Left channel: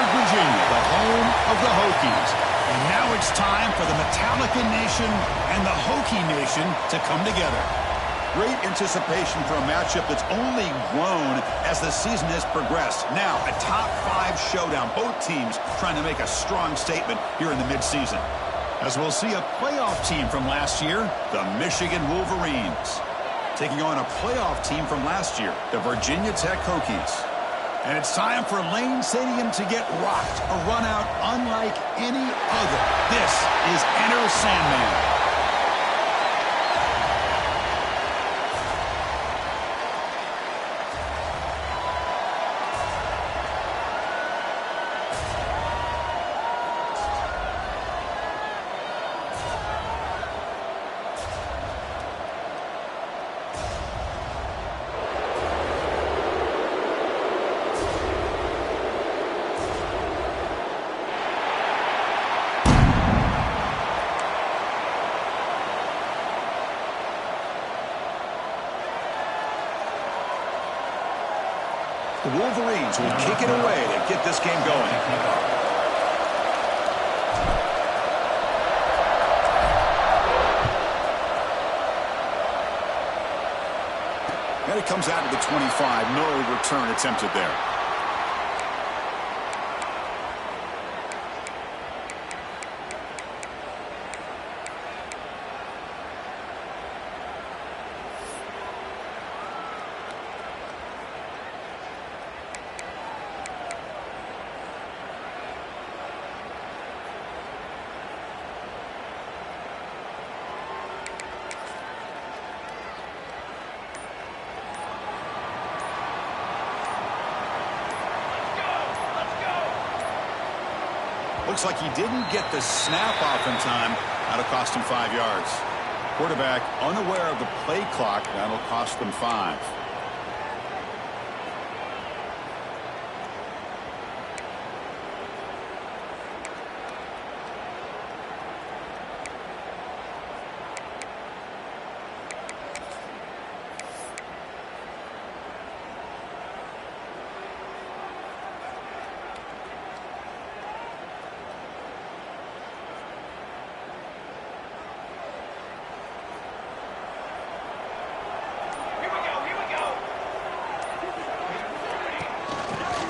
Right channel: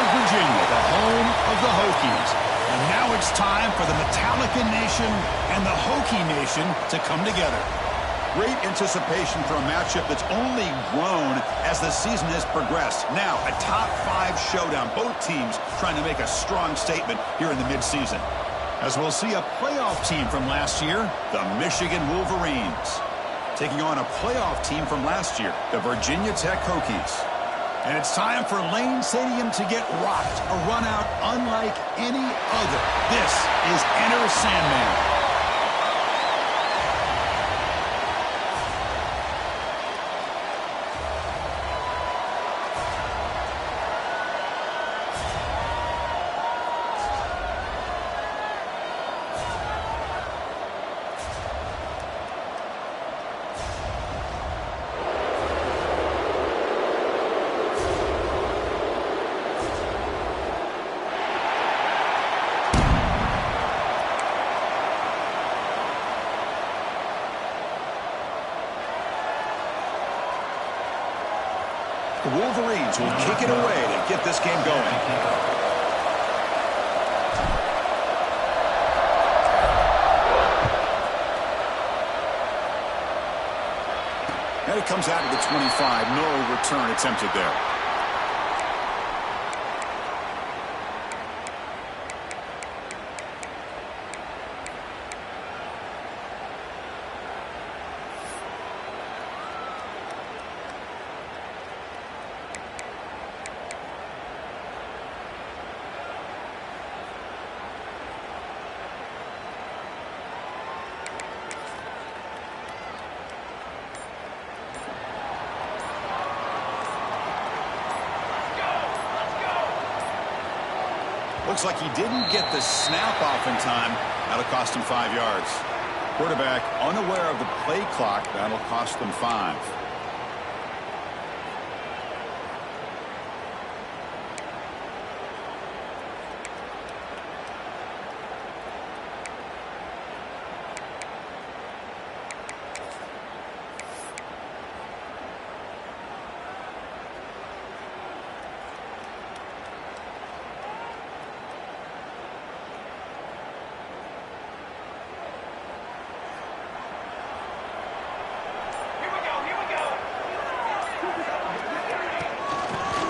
Virginia, the home of the Hokies. And now it's time for the Metallica Nation and the Hokie Nation to come together. Great anticipation for a matchup that's only grown as the season has progressed. Now, a top-5 showdown. Both teams trying to make a strong statement here in the midseason. As we'll see a playoff team from last year, the Michigan Wolverines, taking on a playoff team from last year, the Virginia Tech Hokies. And it's time for Lane Stadium to get rocked. A run out unlike any other. This is Enter Sandman. The Wolverines will kick it away to get this game going. And it comes out of the 25. No return attempted there. Looks like he didn't get the snap off in time. That'll cost him 5 yards. Quarterback unaware of the play clock. That'll cost them 5.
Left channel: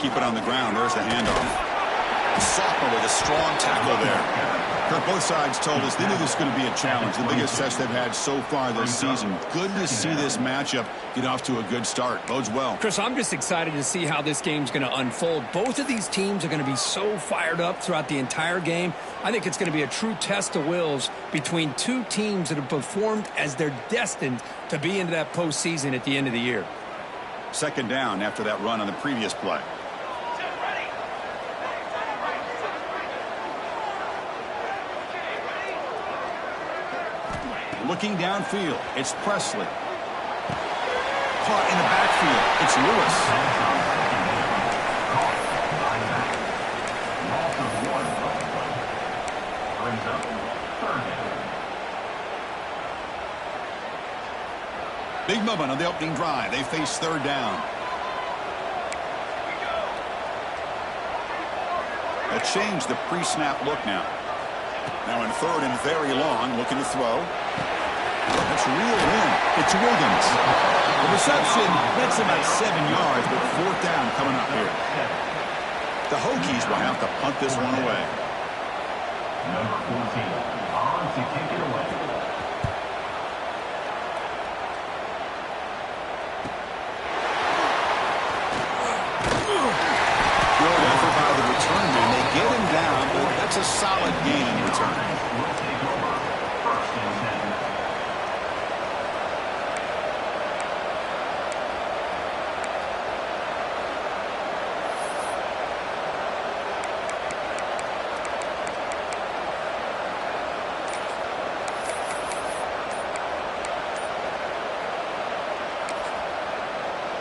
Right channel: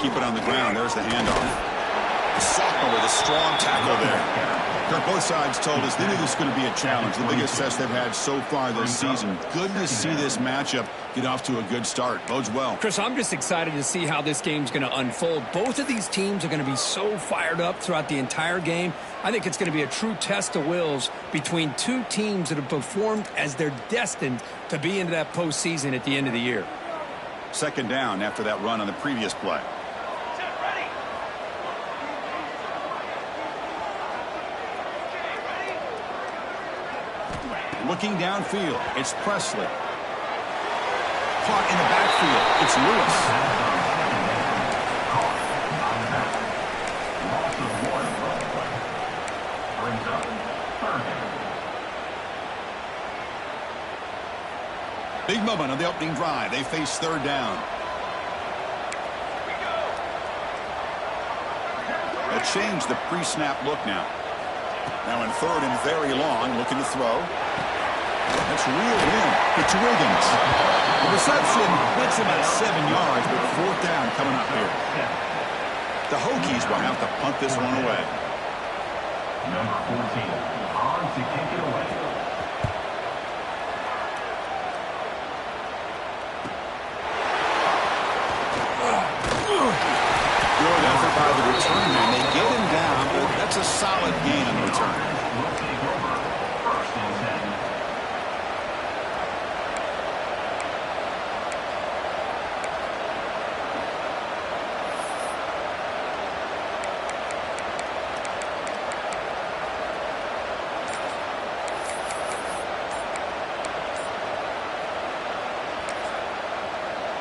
Keep it on the ground. There's the handoff. Sophomore with a strong tackle there. Kirk, both sides told us they knew this was going to be a challenge. The biggest test they've had so far this season. Good to see this matchup get off to a good start. Bodes well. Chris, I'm just excited to see how this game's going to unfold. Both of these teams are going to be so fired up throughout the entire game. I think it's going to be a true test of wills between two teams that have performed as they're destined to be into that postseason at the end of the year. Second down after that run on the previous play. Looking downfield, it's Presley. Caught in the backfield, it's Lewis. Brings up third down. Big moment on the opening drive. They face third down. They changed the pre-snap look now. Now in third and very long, looking to throw. That's reeled in. It's Wiggins. The reception gets about 7 yards, but fourth down coming up here. The Hokies will have to punt this one away. Number 14 on to kick it away. Good effort by the return man. They get him down, but that's a solid gain on the return. Will take over first and 10.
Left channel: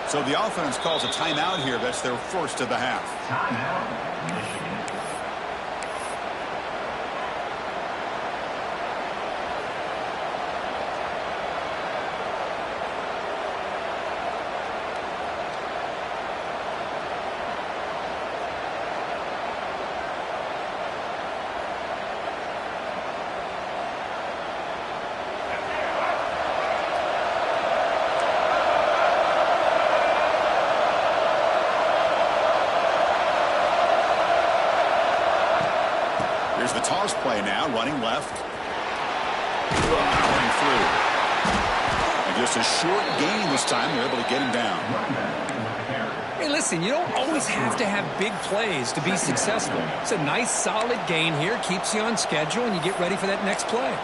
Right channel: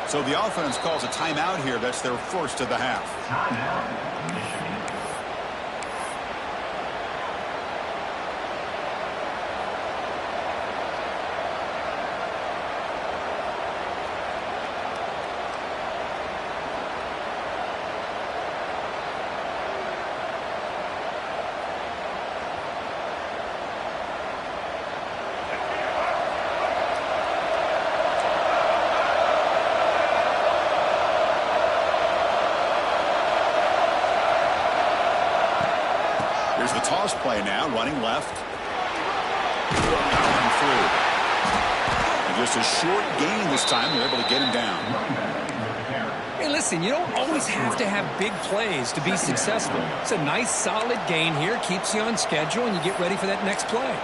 So the offense calls a timeout here. That's their first of the half. Timeout, Michigan. Here's the toss play now, running left. Powering through. And just a short gain this time. They're able to get him down. Hey, listen, you don't always have to have big plays to be successful. It's a nice, solid gain here. Keeps you on schedule, and you get ready for that next play.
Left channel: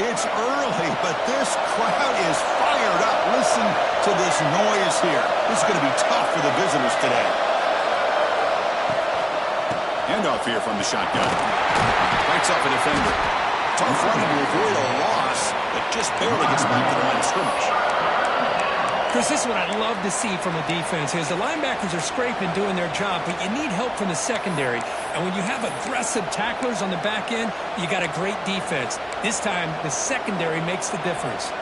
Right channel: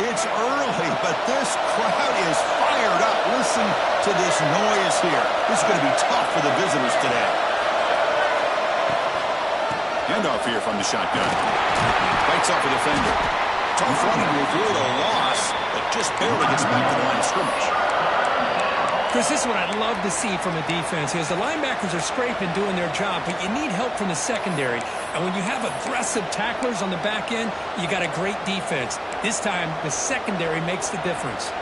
It's early, but this crowd is fired up. Listen to this noise here. This is going to be tough for the visitors today. Handoff here from the shotgun. Fights off a defender. Tough running to avoid a loss, but just barely gets back to the line of scrimmage. Chris, this is what I'd love to see from a defense is the linebackers are scraping, doing their job, but you need help from the secondary. And when you have aggressive tacklers on the back end, you got a great defense. This time, the secondary makes the difference.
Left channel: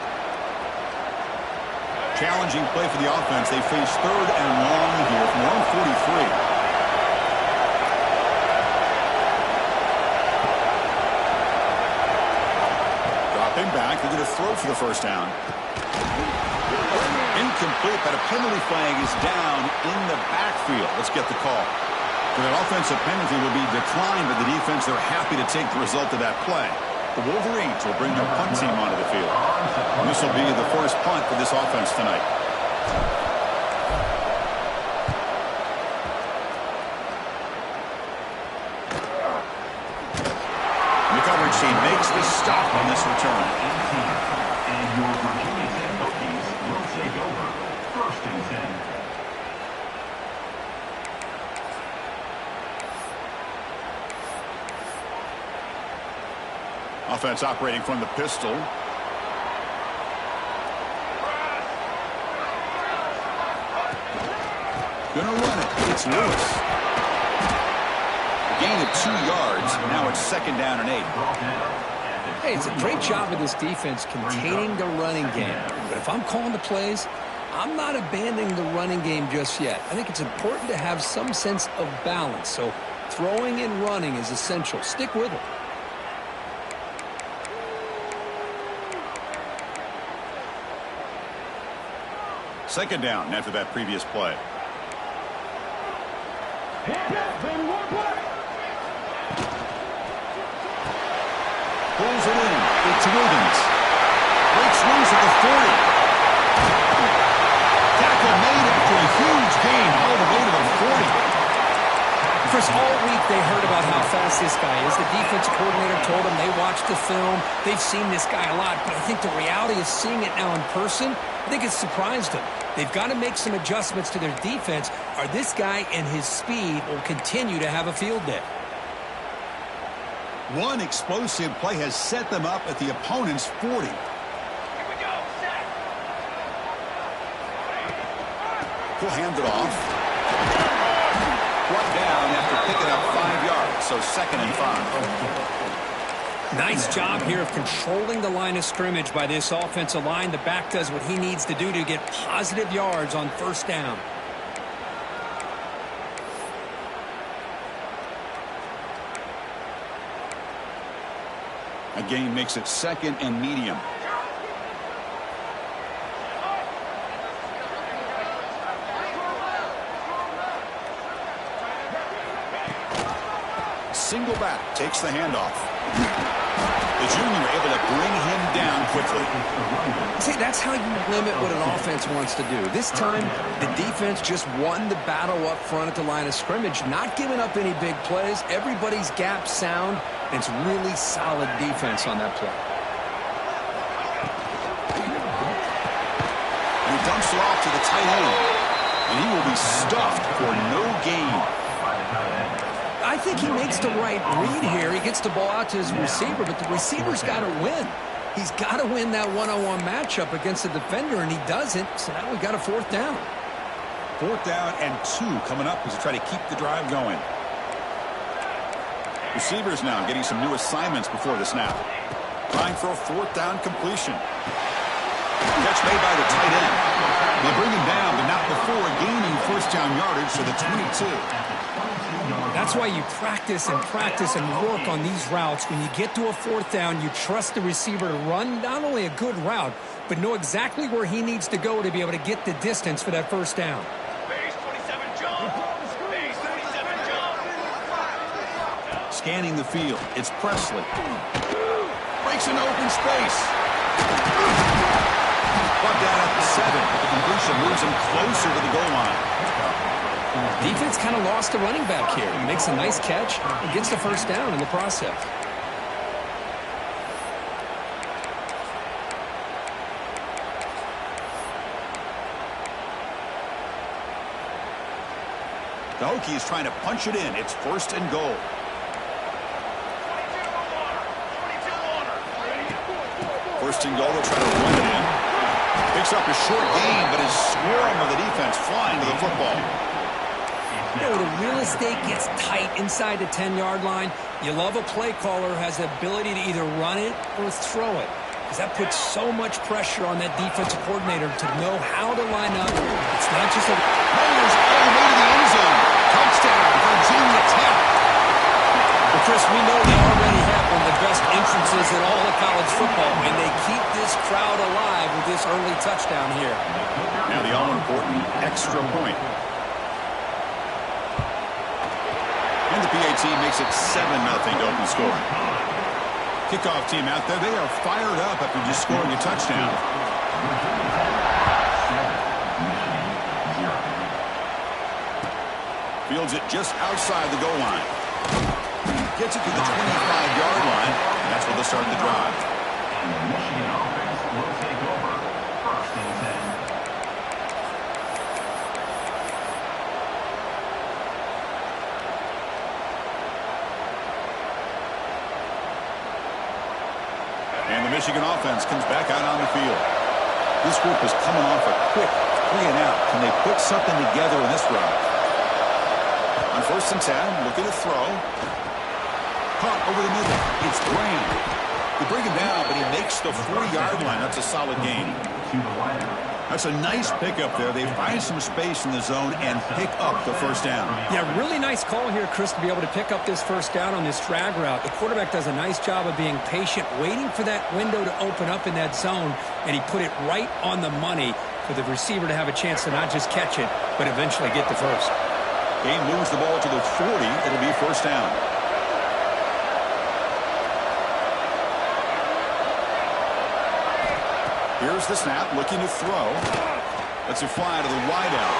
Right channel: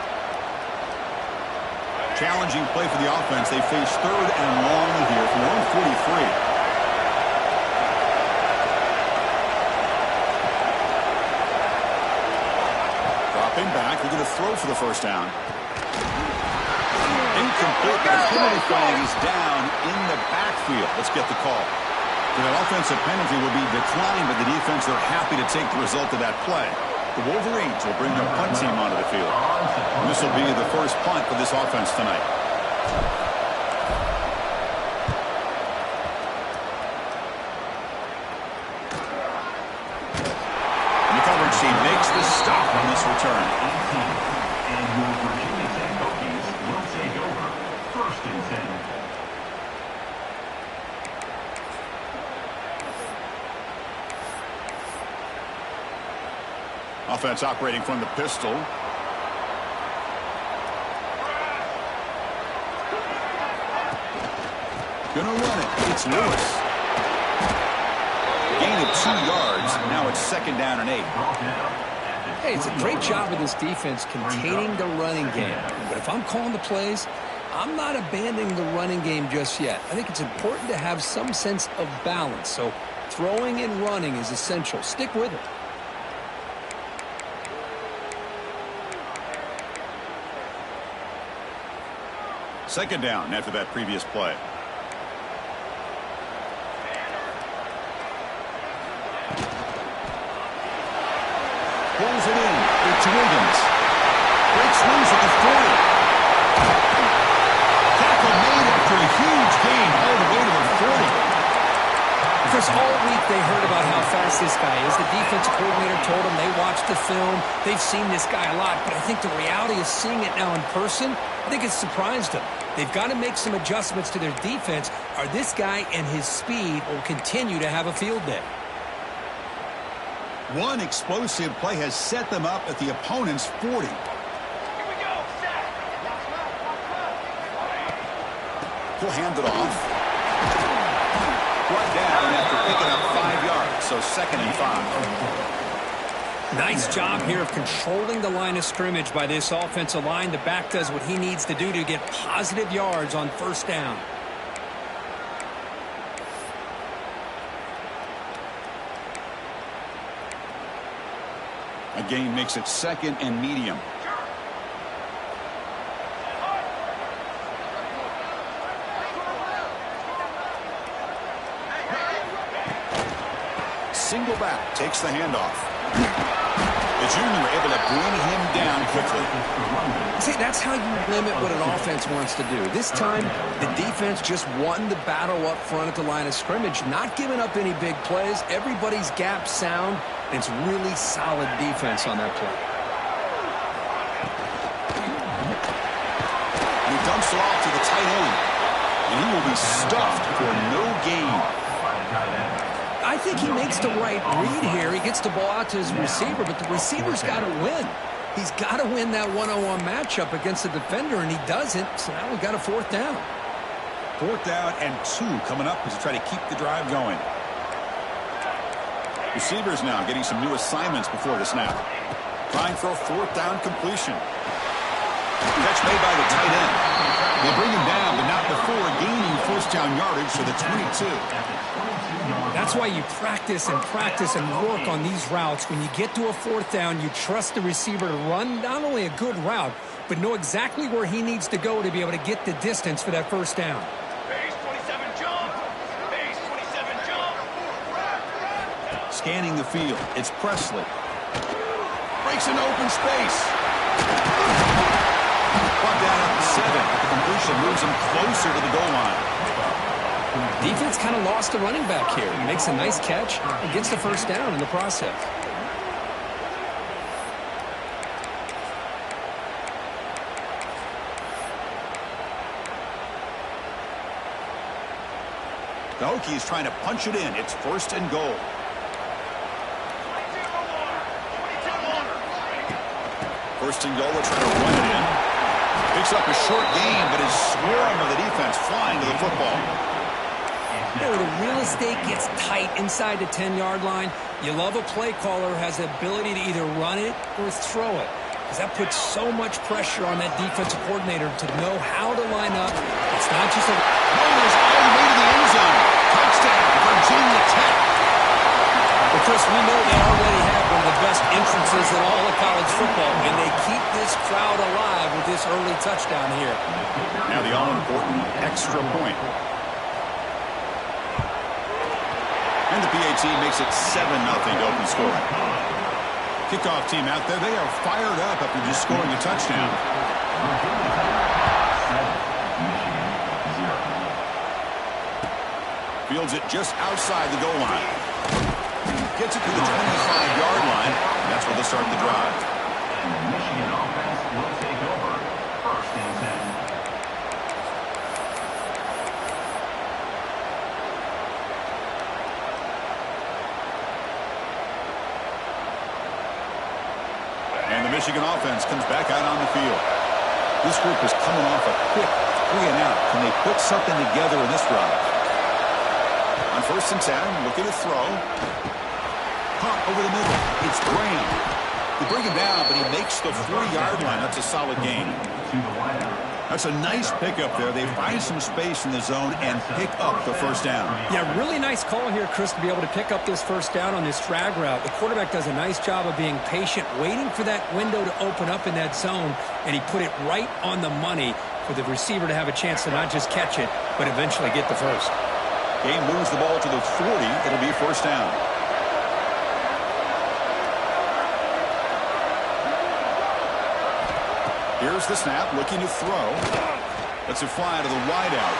Challenging play for the offense. They face 3rd and long here from their own 43. Dropping back. They're going to throw for the first down. Incomplete, but a penalty flag is down in the backfield. Let's get the call. For that offensive penalty will be declined by the defense. They're happy to take the result of that play. The Wolverines will bring their punt team onto the field. This will be the first punt for this offense tonight. And the coverage team makes the stop on this return. And your Virginia Tech Hokies will take over 1st and 10. Offense operating from the pistol. Gonna run it. It's Lewis. Gain of 2 yards. Now it's 2nd down and 8. Hey, it's a great job of this defense containing the running game. But if I'm calling the plays, I'm not abandoning the running game just yet. I think it's important to have some sense of balance. So throwing and running is essential. Stick with it. Second down after that previous play. Pulls it in. It's Wiggins. Breaks loose at the 40. Tackle made after a huge gain all the way to the 40. Chris, all week they heard about how fast this guy is. The defensive coordinator told them they watched the film. They've seen this guy a lot, but I think the reality is seeing it now in person, I think it's surprised them. They've got to make some adjustments to their defense, or this guy and his speed will continue to have a field day. One explosive play has set them up at the opponent's 40. Here we go. Set. He'll hand it off. Brought down after picking up 5 yards, so 2nd and 5. Nice job here of controlling the line of scrimmage by this offensive line. The back does what he needs to do to get positive yards on 1st down. A gain makes it 2nd and medium. Single back, takes the handoff. The junior able to bring him down quickly. See, that's how you limit what an offense wants to do. This time, the defense just won the battle up front at the line of scrimmage, not giving up any big plays. Everybody's gap sound. It's really solid defense on that play. And he dumps it off to the tight end. And he will be stuffed for no gain. I think he makes the right read here. He gets the ball out to his receiver, but the receiver's got to win. He's got to win that one-on-one matchup against the defender, and he doesn't. So now we've got a 4th down. 4th down and 2 coming up as they try to keep the drive going. Receivers now getting some new assignments before the snap. Trying for a 4th down completion. Catch made by the tight end. They bring him down, but not before gaining 1st first down yardage to the 22. That's why you practice and work on these routes. When you get to a fourth down, you trust the receiver to run not only a good route, but know exactly where he needs to go to be able to get the distance for that first down. Base 27 jump. Base 27 jump. Scanning the field, it's Presley. Breaks into open space. Brought down at the 7. The completion moves him closer to the goal line. Defense kind of lost the running back here. Makes a nice catch and gets the first down in the process. The Hokies trying to punch it in. It's first and goal. 22 Warner. 22 Warner. First and goal, they'll try to run it in. Picks up a short gain, but is swarmed with the defense flying to the football. You know, the real estate gets tight inside the 10-yard line. You love a play caller who has the ability to either run it or throw it, because that puts so much pressure on that defensive coordinator to know how to line up. It's not just a... Motors all the way to the end zone. Touchdown, Virginia Tech. Well, Chris, we know they already have one of the best entrances in all of college football, and they keep this crowd alive with this early touchdown here. Now the all-important extra point. And the PAT makes it 7-0 to open scoring. Kickoff team out there, they are fired up after just scoring a touchdown. Fields it just outside the goal line. Gets it to the 25-yard line. And that's where they'll start the drive. And the Michigan offense will take over. First and 10. And the Michigan offense comes back out on the field. This group is coming off a quick 3-and-out. Can they put something together in this drive? On first and 10, looking to throw. Caught over the middle. It's Graham. They bring him down, but he makes the 4-yard line. That's a solid gain. That's a nice pickup there. They find some space in the zone and pick up the first down. Yeah, really nice call here, Chris, to be able to pick up this first down on this drag route. The quarterback does a nice job of being patient, waiting for that window to open up in that zone, and he put it right on the money for the receiver to have a chance to not just catch it, but eventually get the first. Game moves the ball to the 40. It'll be first down. Here's the snap, looking to throw. Lets it fly to the wideout.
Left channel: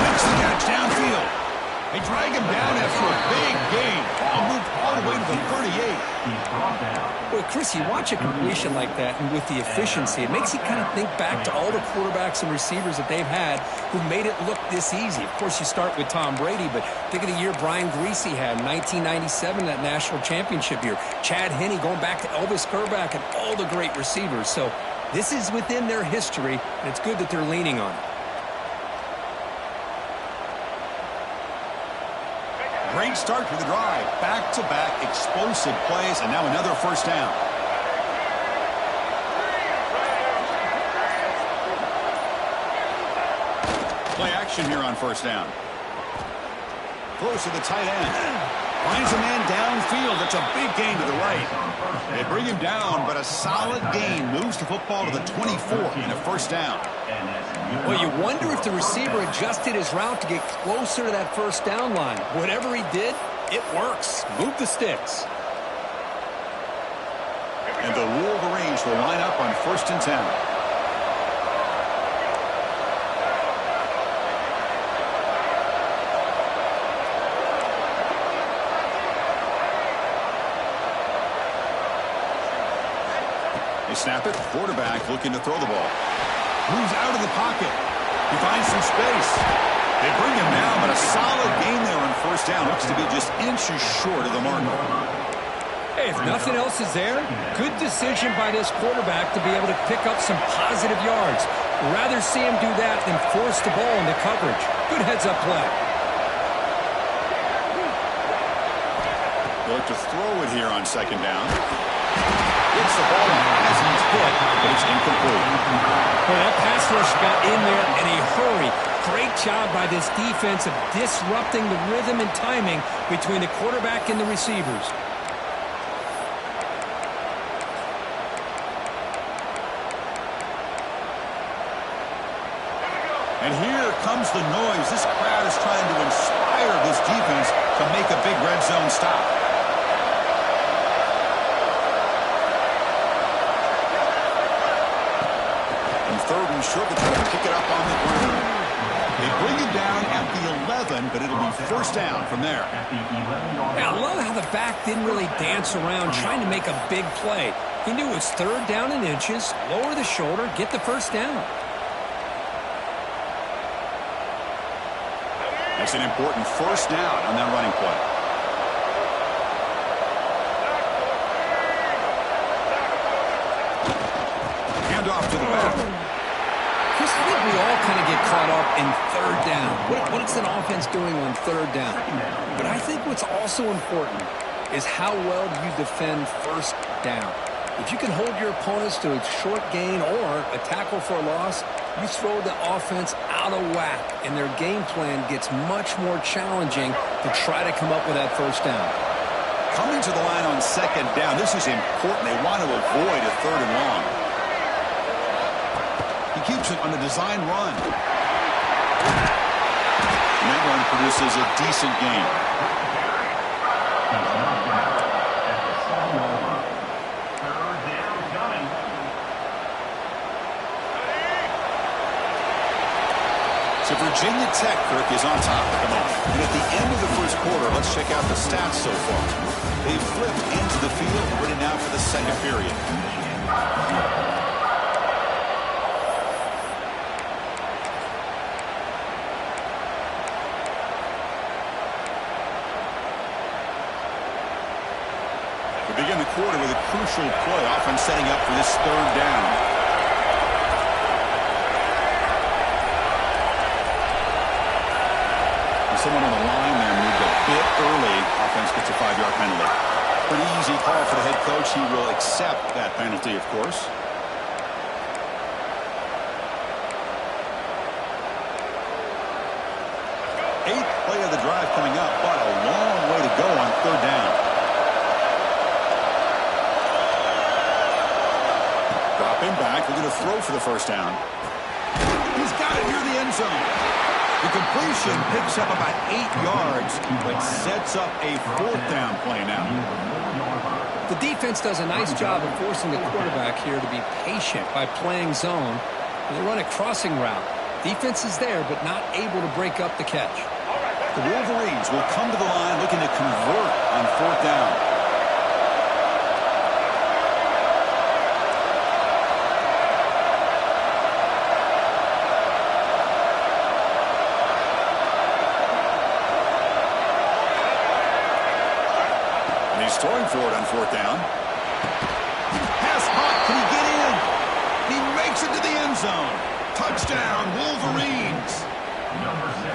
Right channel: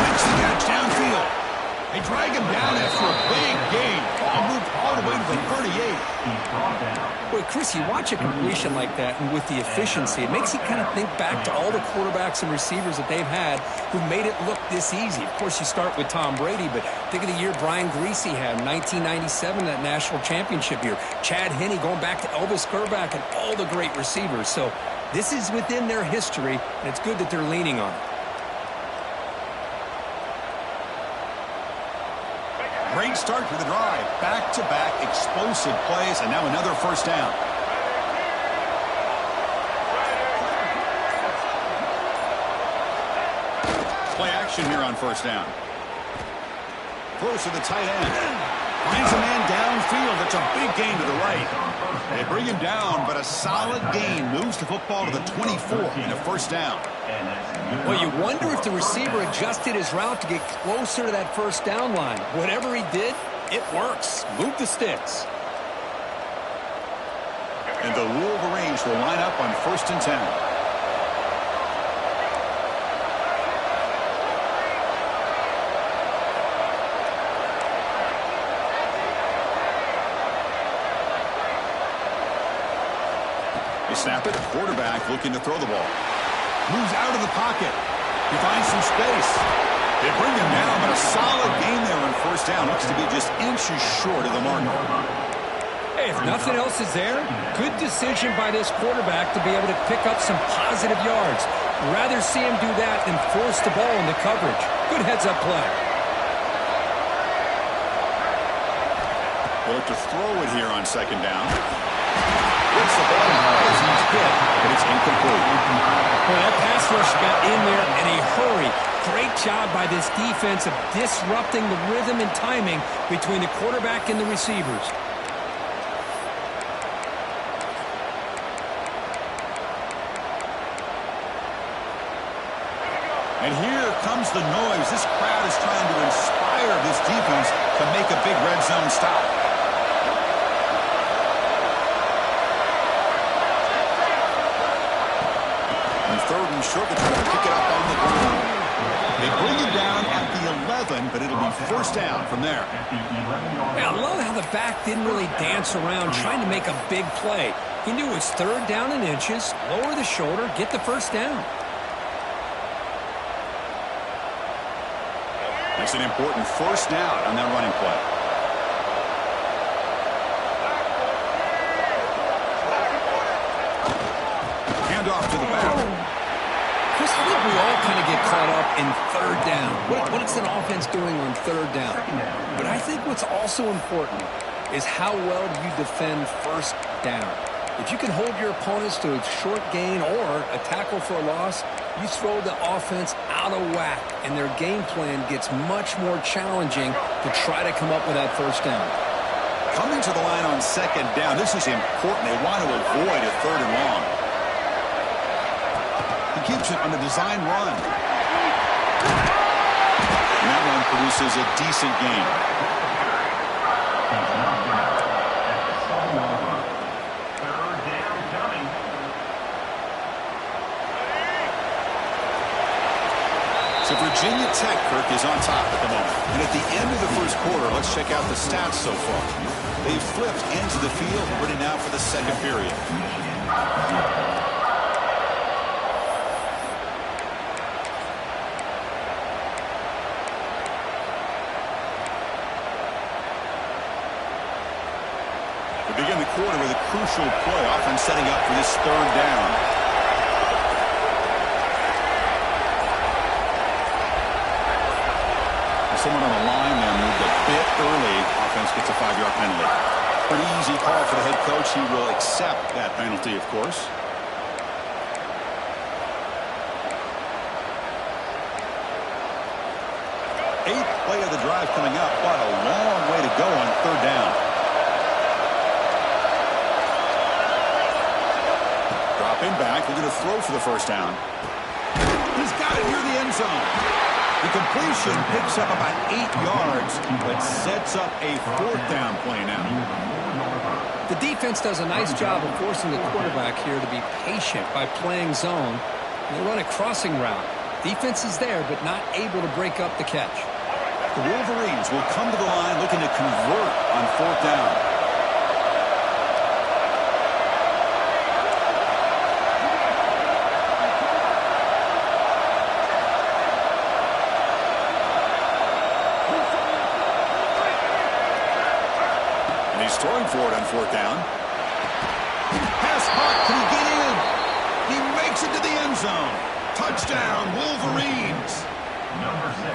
Makes the catch downfield. They drag him down after a big gain. Ball moved all the way to the 38. Boy, Chris, you watch a completion like that, and with the efficiency, it makes you kind of think back to all the quarterbacks and receivers that they've had who made it look this easy. Of course, you start with Tom Brady, but think of the year Brian Greasy had in 1997, that national championship year. Chad Henne going back to Elvis Kerback and all the great receivers. So this is within their history, and it's good that they're leaning on it. Great start to the drive. Back-to-back explosive plays, and now another first down. Play action here on first down. Throws to the tight end. Finds a man downfield. It's a big gain to the right. They bring him down, but a solid gain moves the football to the 24 and a first down. Well, you wonder if the receiver adjusted his route to get closer to that first down line. Whatever he did, it works. Move the sticks. And the Wolverines will line up on first and 10. They snap it. Quarterback looking to throw the ball. Moves out of the pocket. He finds some space. They bring him down, but a solid gain there on first down. Looks to be just inches short of the marker. Hey, if nothing else is there, good decision by this quarterback to be able to pick up some positive yards. Rather see him do that than force the ball into coverage. Good heads-up play. They look to throw it here on second down. Gets the ball as he's hit, but it's incomplete. Boy, that pass rush got in there in a hurry. Great job by this defense of disrupting the rhythm and timing between the quarterback and the receivers. And here comes the noise. This crowd is trying to inspire this defense to make a big red zone stop. And third and short, they're trying to pick it up on the ground. They bring it down at the 11, but it'll be first down from there. Yeah, I love how the back didn't really dance around trying to make a big play. He knew it was third down in inches, lower the shoulder, get the first down. That's an important first down on that running play. Hand off to the back. Chris, I think we all kind of get caught up in third down. What is an offense doing on third down? But I think what's also important is how well do you defend first down. If you can hold your opponents to a short gain or a tackle for a loss, you throw the offense out of whack, and their game plan gets much more challenging to try to come up with that first down. Coming to the line on second down, this is important. They want to avoid a third and long. He keeps it on the design run. And that run produces a decent gain. So Virginia Tech, Kirk, is on top at the moment. And at the end of the first quarter, let's check out the stats so far. They've flipped into the field, ready now for the second period. We begin the quarter with a crucial play, often setting up for this third down. Someone on the line there moved a bit early. Offense gets a 5-yard penalty. Pretty easy call for the head coach. He will accept that penalty, of course. Eighth play of the drive coming up, but a long way to go on third down. Dropping back. They're going to throw for the first down. He's got it near the end zone. The completion picks up about 8 yards, but sets up a fourth down play now. The defense does a nice job of forcing the quarterback here to be patient by playing zone. They run a crossing route. Defense is there, but not able to break up the catch. The Wolverines will come to the line looking to convert on fourth down. He's throwing for it on fourth down. Pass hot. Can he get in? He makes it to the end zone. Touchdown, Wolverines. Number 6.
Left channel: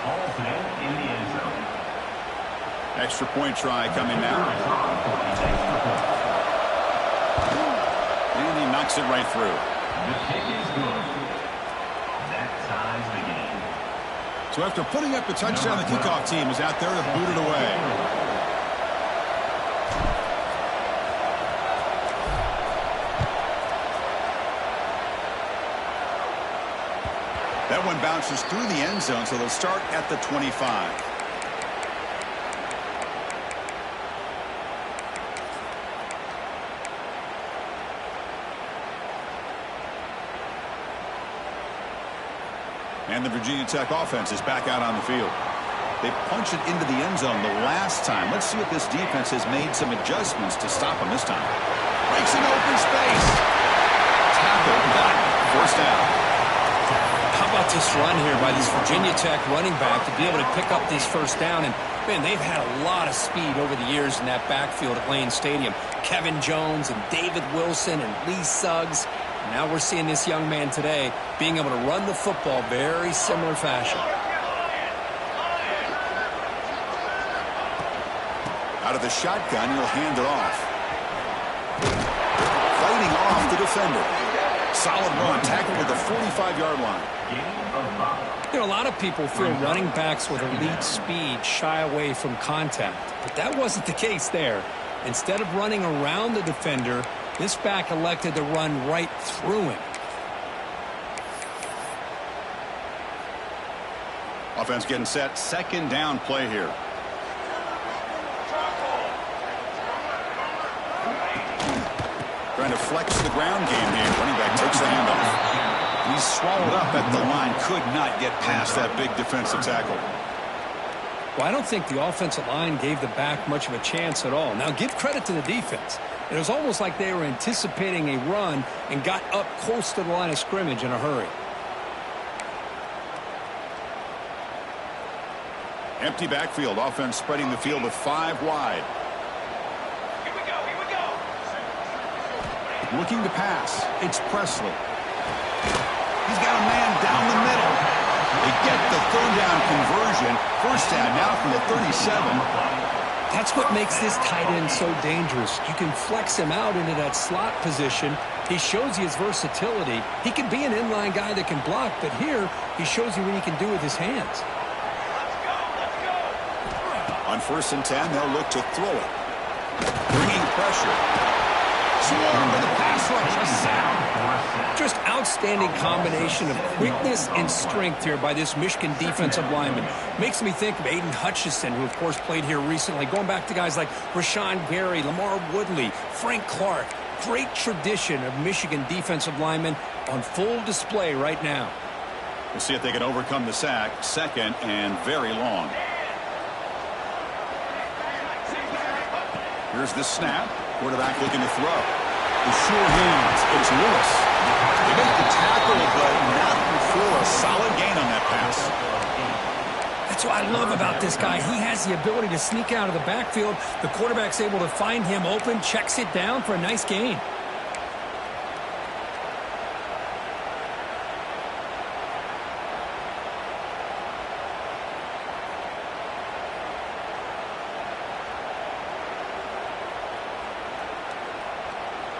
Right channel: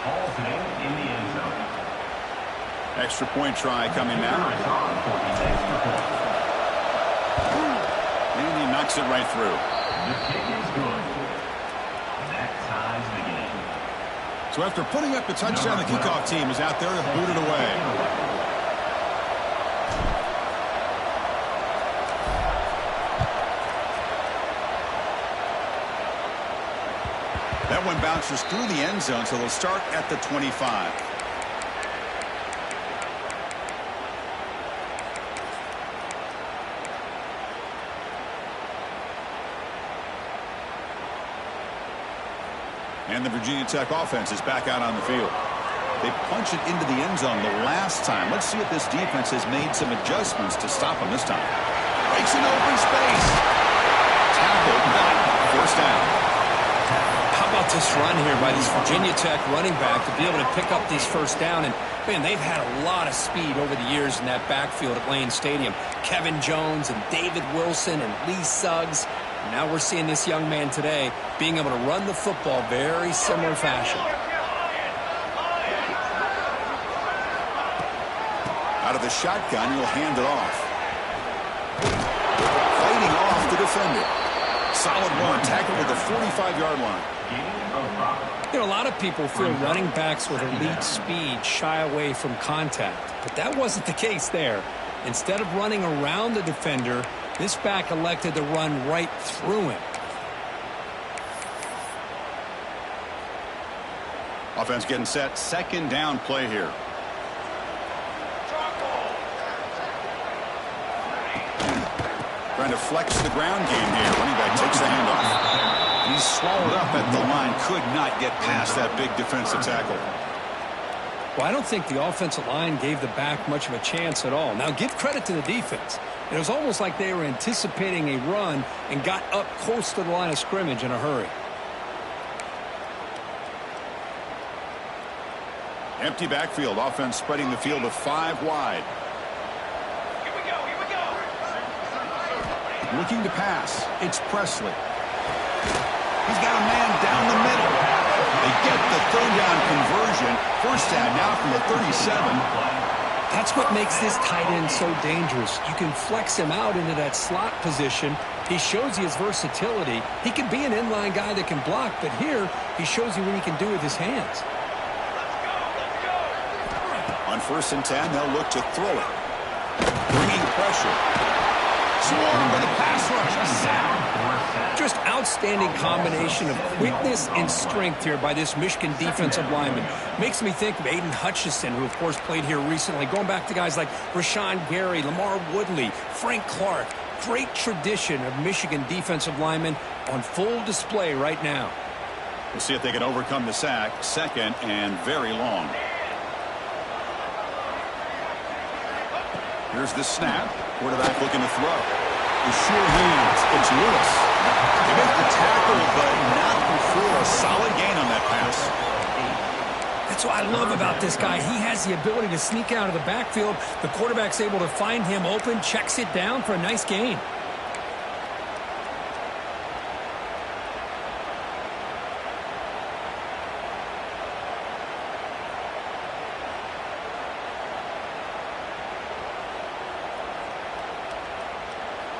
Hall's name in the end zone. Extra point try coming now. And he knocks it right through. The kick is good. That ties the game. So after putting up the touchdown, the kickoff team is out there to boot it away. That one bounces through the end zone, so they'll start at the 25. And the Virginia Tech offense is back out on the field. They punch it into the end zone the last time. Let's see if this defense has made some adjustments to stop them this time. Breaks an open space. Tackled, but first down. How about this run here by this Virginia Tech running back to be able to pick up this first down? And, man, they've had a lot of speed over the years in that backfield at Lane Stadium. Kevin Jones and David Wilson and Lee Suggs. And now we're seeing this young man today being able to run the football very similar fashion. Out of the shotgun, he'll hand it off. fighting off the defender. Solid run, tackled at the 45-yard line. You know, a lot of people feel running backs with elite speed shy away from contact, but that wasn't the case there. Instead of running around the defender, this back elected to run right through him. Offense getting set. Second down play here. Trying to flex the ground game here. Running back takes the handoff. And he's swallowed up at the line. Could not get past that big defensive tackle. Well, I don't think the offensive line gave the back much of a chance at all. Now, give credit to the defense. It was almost like they were anticipating a run and got up close to the line of scrimmage in a hurry. Empty backfield. Offense spreading the field with 5 wide. Here we go, here we go. Looking to pass. It's Presley. He's got a man down the middle. They get the third down conversion. First down now from the 37. That's what makes this tight end so dangerous. You can flex him out into that slot position. He shows you his versatility. He can be an inline guy that can block, but here he shows you what he can do with his hands. Let's go, let's go. On 1st and 10, they'll look to throw it. Bringing pressure. Swarm with the pass rush. A sack. Just outstanding combination of quickness and strength here by this Michigan defensive lineman. Makes me think of Aiden Hutchinson, who of course played here recently. Going back to guys like Rashawn Gary, Lamar Woodley, Frank Clark. Great tradition of Michigan defensive linemen on full display right now. We'll see if they can overcome the sack. Second and very long. Here's the snap. Quarterback looking to throw. The sure hands. It's Lewis. They make the tackle, but not before a solid gain on that pass. That's what I love about this guy. He has the ability to sneak out of the backfield. The quarterback's able to find him open, checks it down for a nice gain.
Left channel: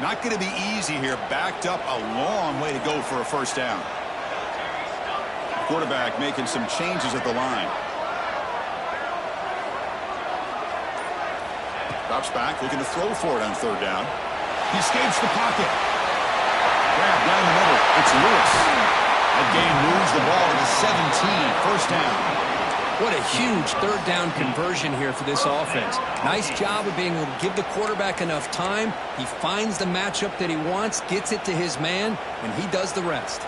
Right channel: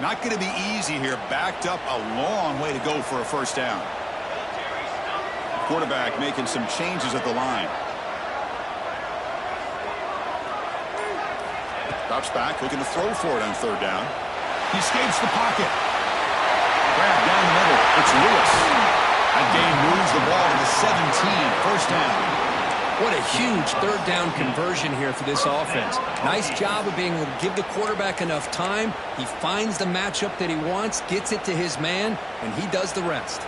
Not going to be easy here. Backed up a long way to go for a first down. Quarterback making some changes at the line. Drops back, looking to throw for it on 3rd down. He escapes the pocket. Grab down the middle. It's Lewis. That gain moves the ball to the 17. First down. What a huge 3rd down conversion here for this offense. Nice job of being able to give the quarterback enough time. He finds the matchup that he wants, gets it to his man, and he does the rest.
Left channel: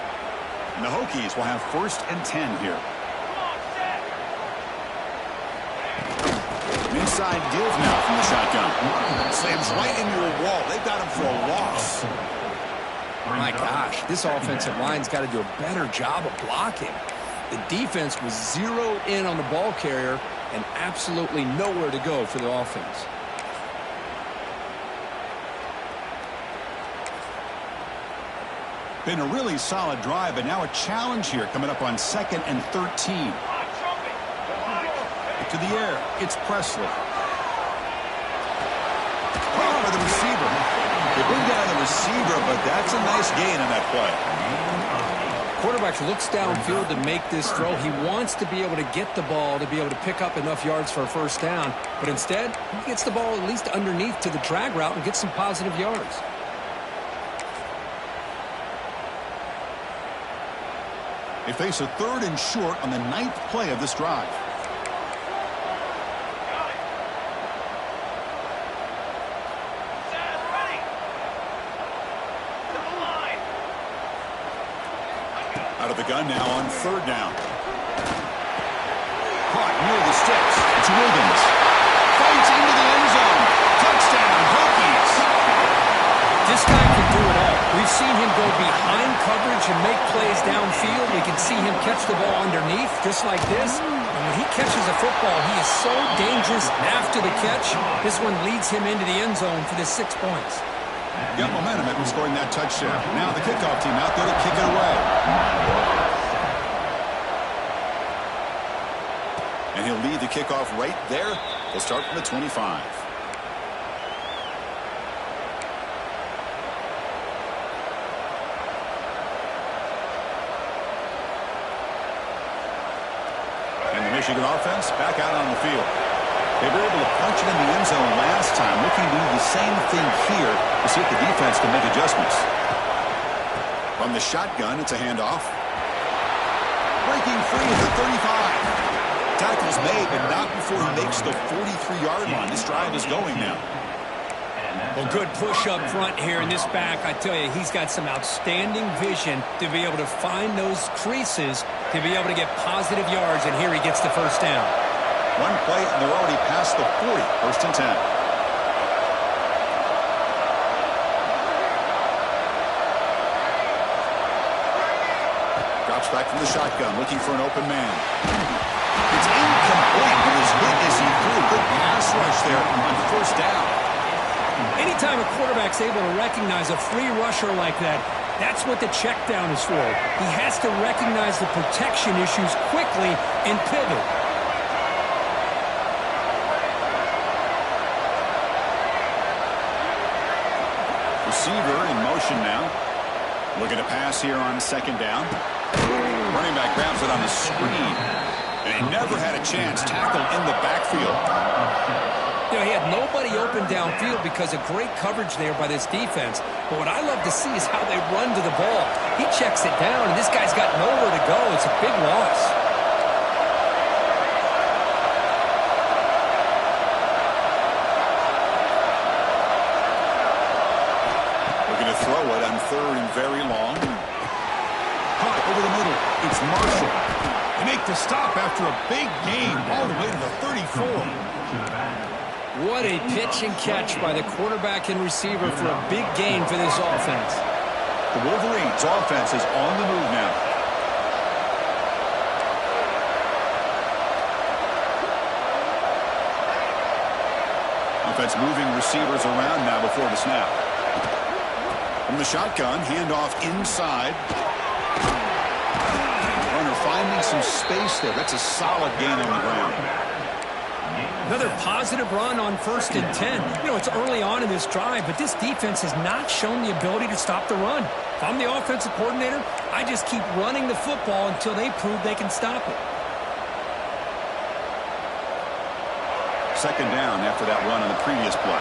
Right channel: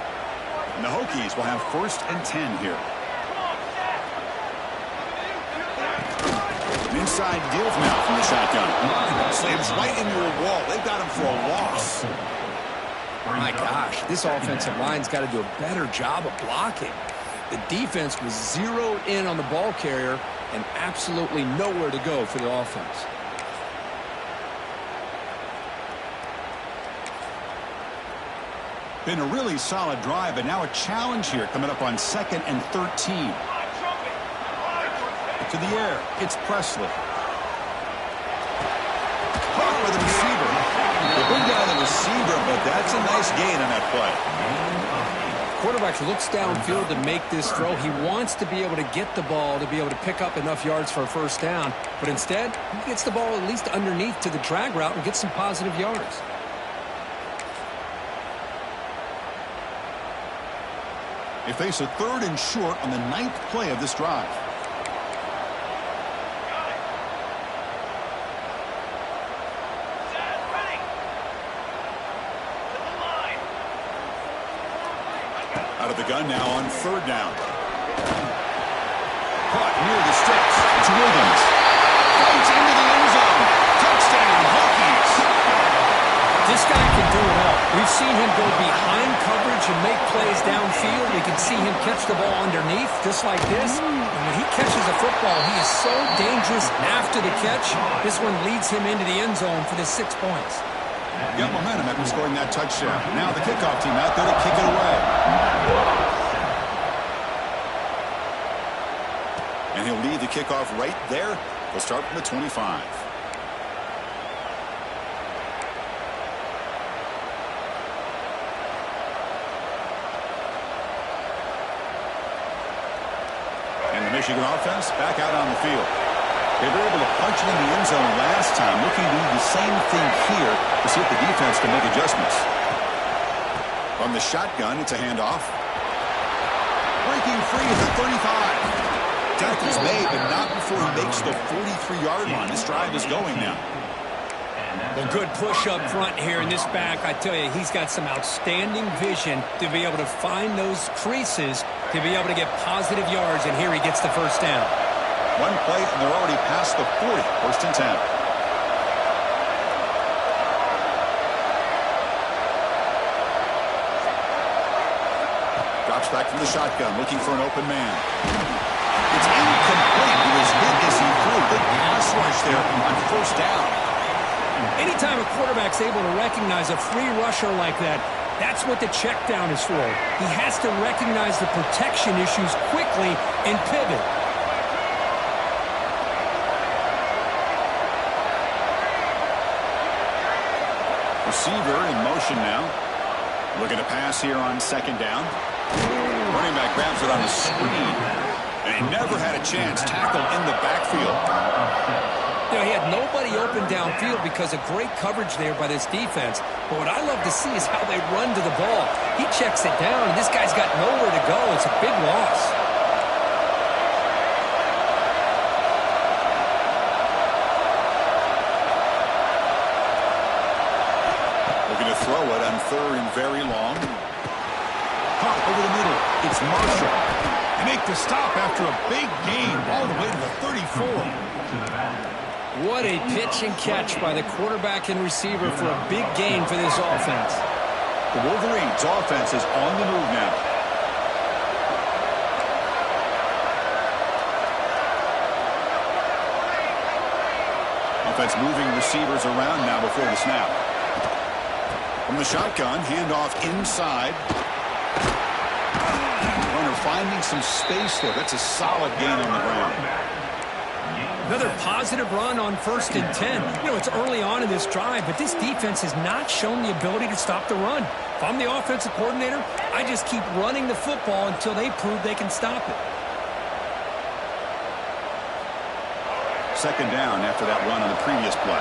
And the Hokies will have 1st and 10 here. An inside give now from the shotgun. Slams right into a wall. They've got him for a loss. My gosh, this offensive line's got to do a better job of blocking. The defense was zeroed in on the ball carrier and absolutely nowhere to go for the offense. Been a really solid drive, but now a challenge here coming up on 2nd and 13. To the air, it's Presley. Caught by the receiver. They bring down the receiver, but that's a nice gain on that play. Quarterback looks downfield to make this throw. He wants to be able to get the ball to be able to pick up enough yards for a first down, but instead he gets the ball at least underneath to the drag route and gets some positive yards. They face a 3rd and short on the 9th play of this drive. Out of the gun now on 3rd down. Caught near the sticks. It's Wiggins. Fights into the end zone. Touchdown, Hokies. This guy can do it all. We've seen him go behind coverage and make plays downfield. We can see him catch the ball underneath just like this. And when he catches a football, he is so dangerous after the catch. This one leads him into the end zone for the 6 points. Got momentum after scoring that touchdown. Now the kickoff team out there to kick it away. And he'll lead the kickoff right there. He'll start from the 25. Michigan offense back out on the field. They were able to punch it in the end zone last time, looking to do the same thing here to see if the defense can make adjustments. From the shotgun, it's a handoff. Breaking free at the 35. Tackle's made, but not before he makes the 43-yard line. This drive is going now. Well, good push up front here in this back. I tell you, he's got some outstanding vision to be able to find those creases to be able to get positive yards, and here he gets the first down. One play, and they're already past the 40. First and 10. Drops back from the shotgun, looking for an open man. It's incomplete. He was hit as he threw. Good pass rush there on first down. Anytime a quarterback's able to recognize a free rusher like that, that's what the check down is for. He has to recognize the protection issues quickly and pivot. Receiver in motion now. Looking to pass here on second down. Running back grabs it on the screen. And he never had a chance. Tackled in the backfield. You know, he had nobody open downfield because of great coverage there by this defense. But what I love to see is how they run to the ball. He checks it down, and this guy's got nowhere to go. It's a big loss. Looking to throw it on third and very long. Caught over the middle. It's Marshall. They make the stop after a big gain all the way to the 34. What a pitch and catch by the quarterback and receiver for a big gain for this offense. The Wolverines' offense is on the move now. Offense moving receivers around now before the snap. From the shotgun, handoff inside. Runner finding some space there. That's a solid gain on the ground. Another positive run on 1st and 10. You know, it's early on in this drive, but this defense has not shown the ability to stop the run. If I'm the offensive coordinator, I just keep running the football until they prove they can stop it. Second down after that run on the previous play.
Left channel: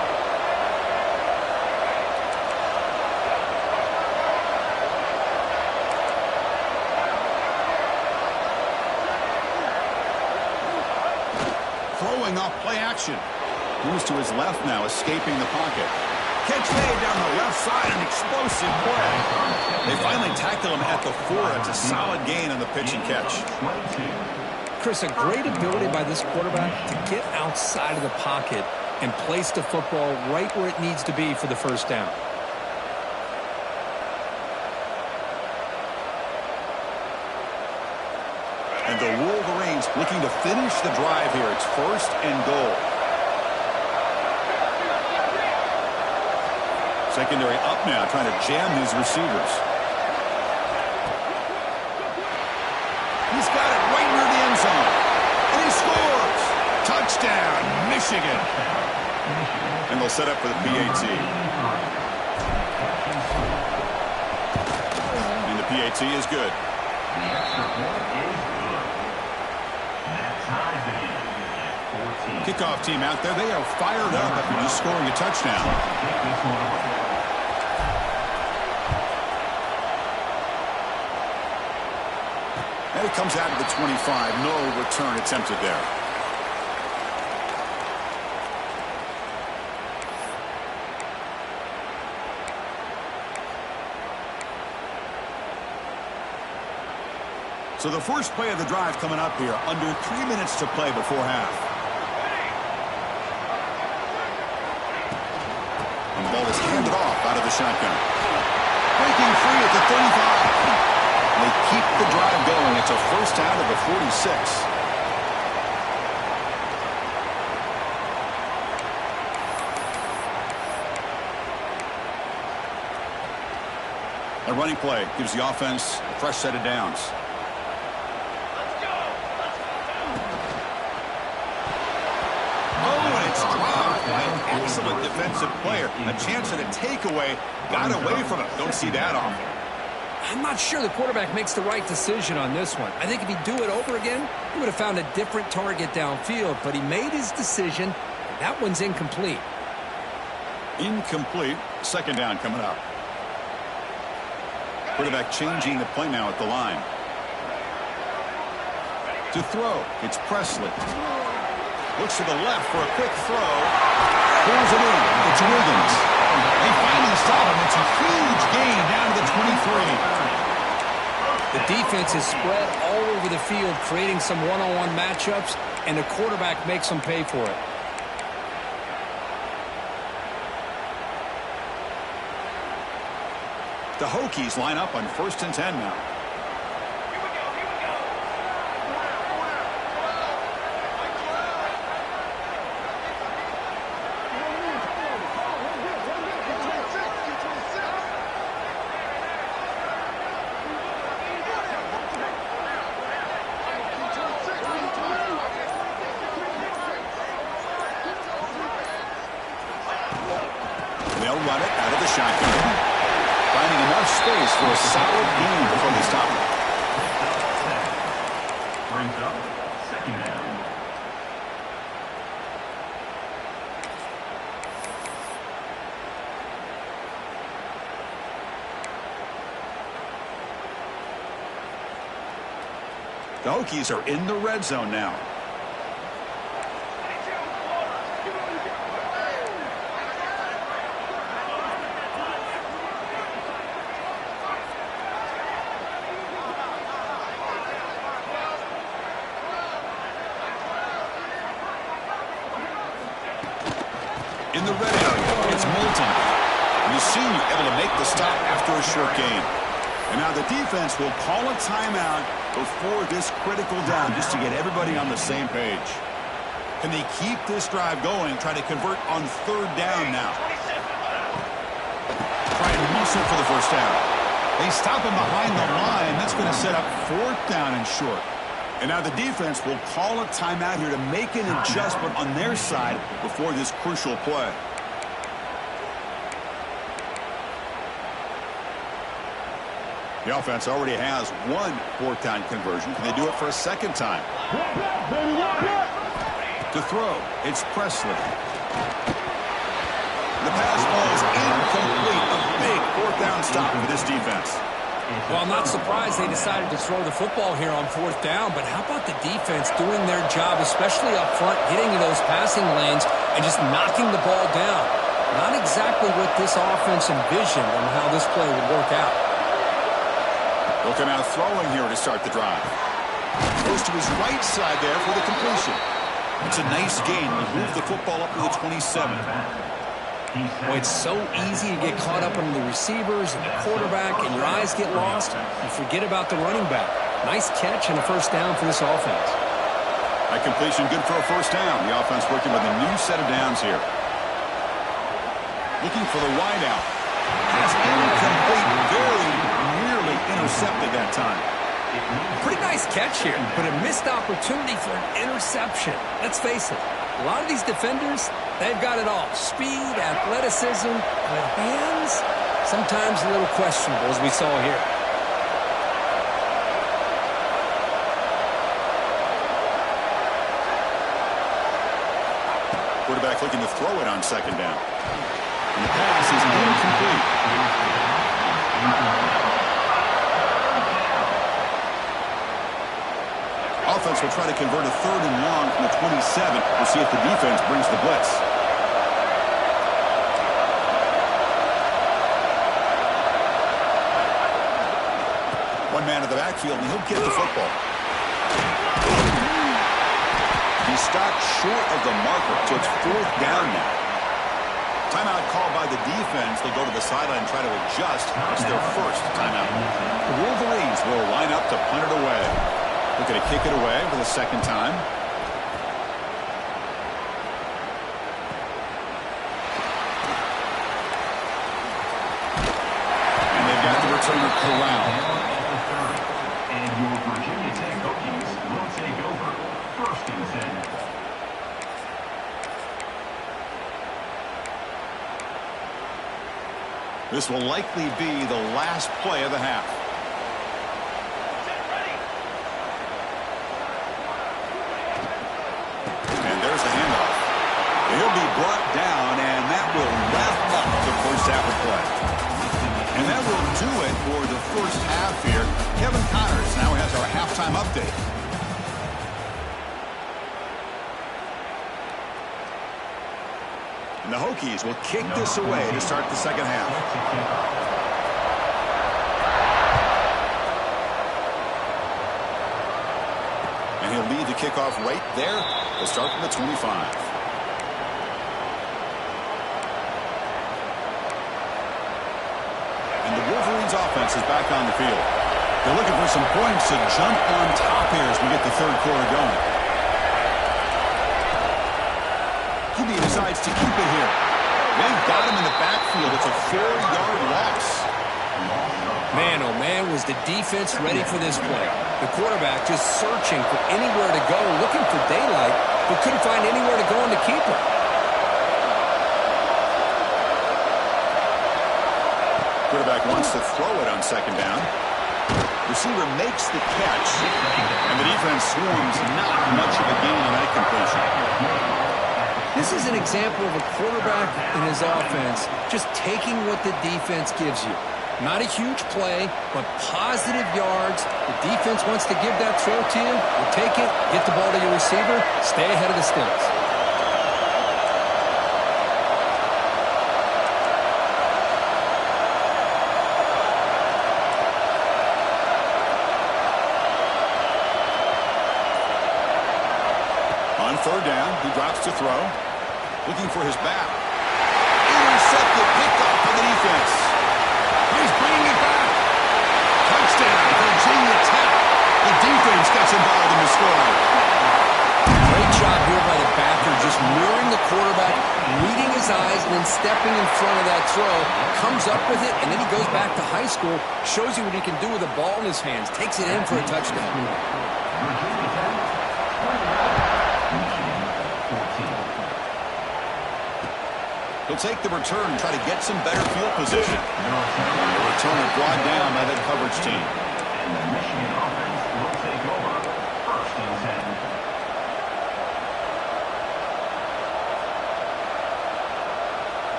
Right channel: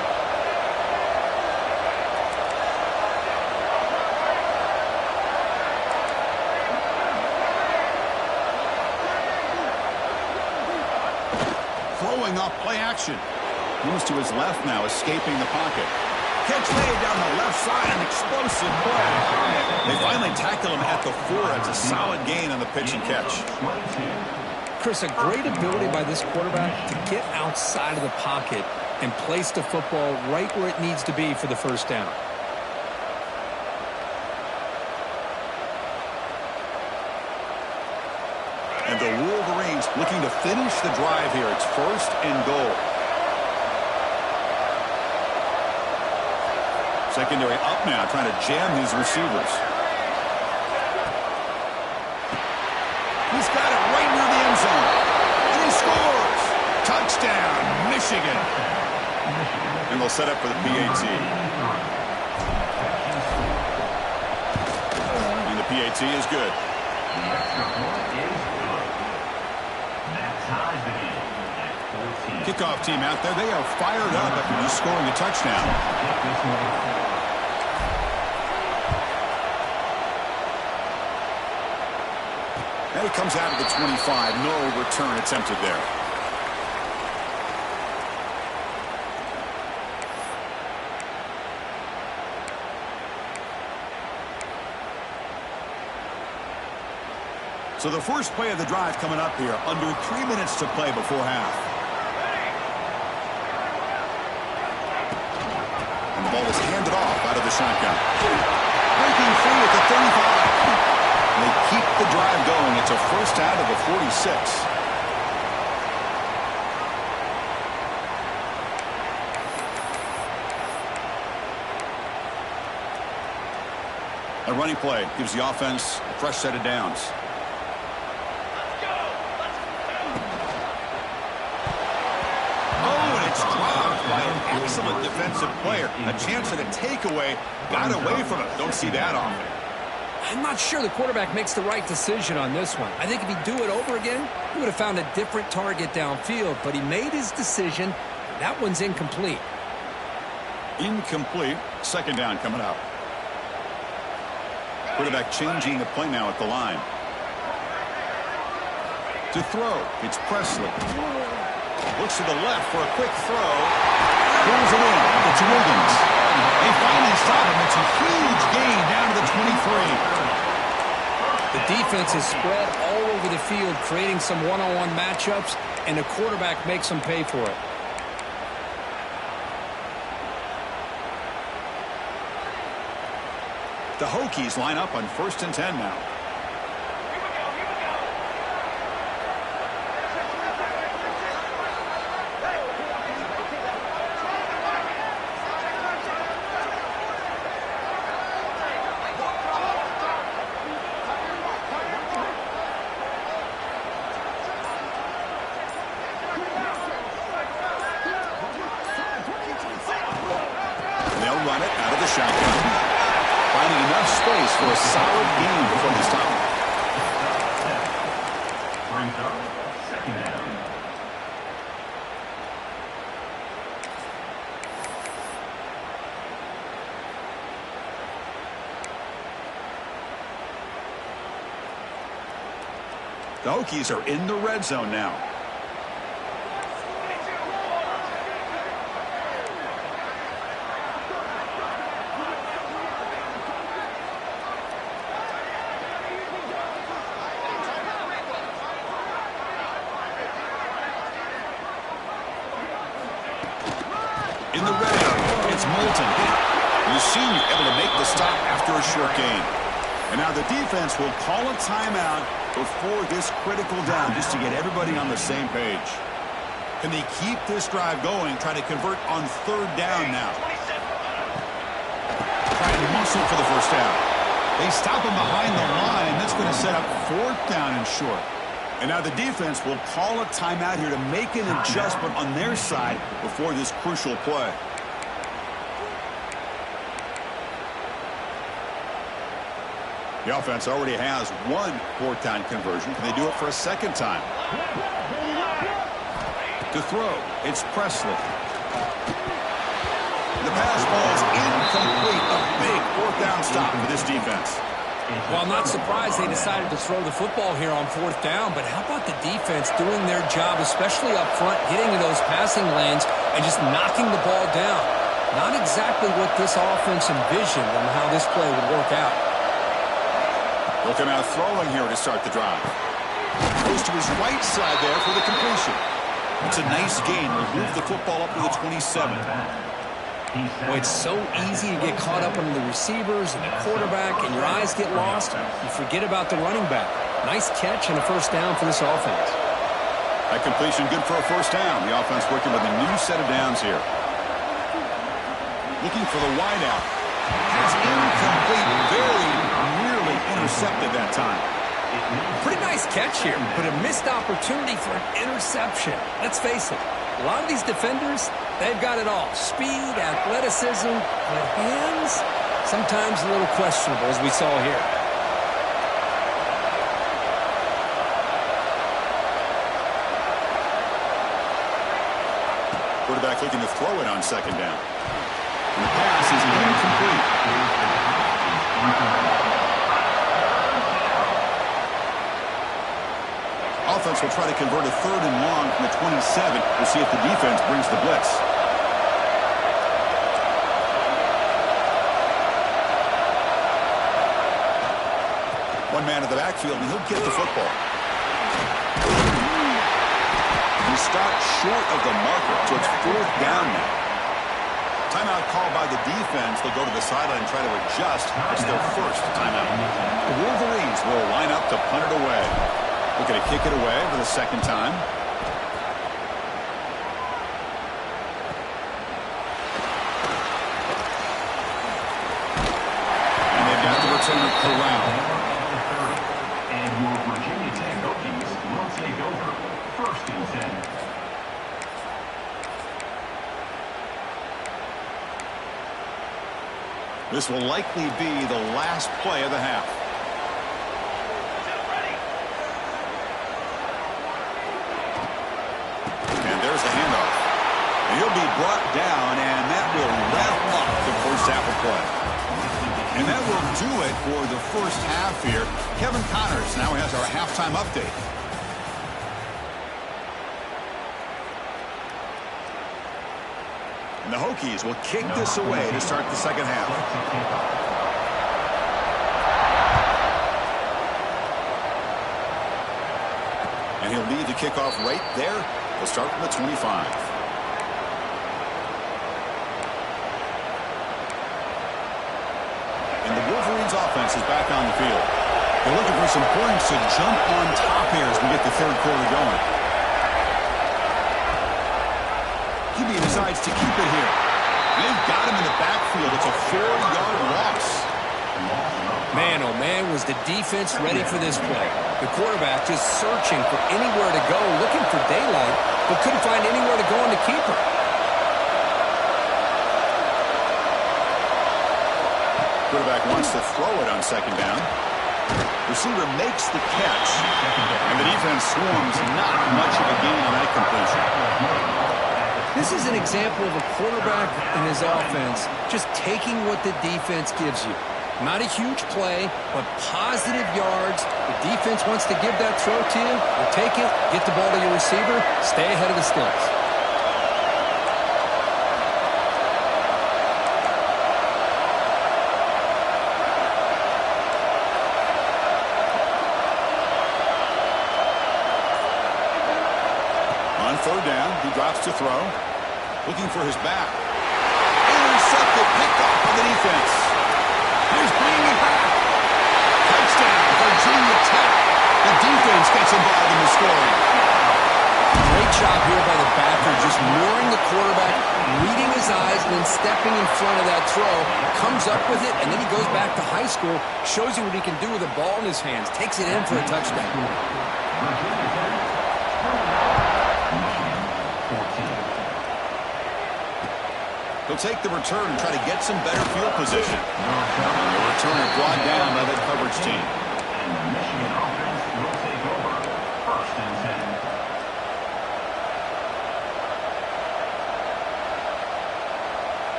Throwing off play action. Moves to his left now, escaping the pocket. Catch made down the left side, an explosive play. They finally tackle him at the 4. It's a solid gain on the pitch and catch. Chris, a great ability by this quarterback to get outside of the pocket and place the football right where it needs to be for the first down. And the Wolverines looking to finish the drive here. It's 1st and goal. Secondary up now, trying to jam these receivers. He's got it right near the end zone. And he scores. Touchdown, Michigan. And they'll set up for the PAT. And the PAT is good. The extra point is good. That ties the game at 14. Kickoff team out there, they are fired up after just scoring a touchdown. Take this one. And it comes out of the 25. No return attempted there. So the first play of the drive coming up here. Under 3 minutes to play before half. And the ball is handed off out of the shotgun. Breaking free at the 35. And they keep the drive going. It's a first out of the 46. A running play gives the offense a fresh set of downs. Oh, and it's dropped by an excellent defensive player. A chance at a takeaway. Got away from it. Don't see that often. I'm not sure the quarterback makes the right decision on this one. I think if he'd do it over again, he would have found a different target downfield, but he made his decision. That one's incomplete. Incomplete. Second down coming up. Quarterback changing the play now at the line. To throw, it's Presley. Looks to the left for a quick throw. Pulls it in. It's Wiggins. They finally stop him. It's a huge gain down to the 23. The defense is spread all over the field, creating some one-on-one matchups, and the quarterback makes them pay for it. The Hokies line up on 1st and 10 now. Here we go, here we go. They'll run it out of the shotgun. Finding enough space for a solid gain before they stop him. Brings up second down. The Hokies are in the red zone now. In the red area, it's Moulton. The senior able to make the stop after a short gain. And now the defense will call a timeout before this critical down just to get everybody on the same page. Can they keep this drive going, try to convert on 3rd down now? Try and muscle for the first down. They stop him behind the line. That's going to set up 4th down and short. And now the defense will call a timeout here to make an adjustment on their side before this crucial play. The offense already has 1 4th down conversion. Can they do it for a 2nd time? To throw, it's Presley. The pass ball is incomplete. A big 4th down stop for this defense. Well, I'm not surprised they decided to throw the football here on 4th down, but how about the defense doing their job, especially up front, getting to those passing lanes and just knocking the ball down? Not exactly what this offense envisioned on how this play would work out. He'll come out throwing here to start the drive. Goes to his right side there for the completion. It's a nice gain. He'll move the football up to the 27. Boy, it's so easy to get caught up on the receivers and the quarterback, and your eyes get lost. You forget about the running back. Nice catch and a 1st down for this offense. That completion good for a 1st down. The offense working with a new set of downs here. Looking for the wideout. Pass incomplete. Very nearly intercepted that time. Pretty nice catch here, but a missed opportunity for an interception. Let's face it, a lot of these defenders, they've got it all. Speed, athleticism, but hands, sometimes a little questionable, as we saw here. Quarterback looking to throw it on 2nd down. And the pass is incomplete. Offense will try to convert a 3rd and long from the 27. We'll see if the defense brings the blitz. One man in the backfield, and he'll get the football. He stopped short of the marker, so it's 4th down now. Timeout called by the defense. They'll go to the sideline and try to adjust. It's their 1st timeout. The Wolverines will line up to punt it away. Looking to kick it away for the 2nd time. And they've got the returner corralled. And your Virginia Tech Hokies will take over 1st and 10. This will likely be the last play of the half. there's the handoff. And he'll be brought down, and that will wrap up the first half of play. And that will do it for the first half here. Kevin Connors now has our halftime update. And the Hokies will kick this away to start the second half. And he'll lead the kickoff right there. He'll start from the 25. And the Wolverines offense is back on the field. They're looking for some points to jump on top here as we get the third quarter going. QB decides to keep it here. They've got him in the backfield. It's a 4-yard loss. Man, oh man, was the defense ready for this play. The quarterback just searching for anywhere to go, looking for daylight, but couldn't find anywhere to go on the keeper. Quarterback wants to throw it on second down. Receiver makes the catch, and the defense swarms not much of a gain on that completion. This is an example of a quarterback and his offense just taking what the defense gives you. Not a huge play, but positive yards. The defense wants to give that throw to you. You take it, get the ball to your receiver, stay ahead of the sticks. On third down, he drops to throw. Looking for his back. Intercepted, picked off by the defense. He's bringing it back. Touchdown, Virginia Tech. The defense gets involved in the scoring. Great job here by the backer, just luring the quarterback, reading his eyes, and then stepping in front of that throw. Comes up with it, and then he goes back to high school, shows you what he can do with the ball in his hands, takes it in for a touchdown. He'll take the return and try to get some better field position. The returner brought down by that coverage team. And the Michigan offense will take over. 1st and 10.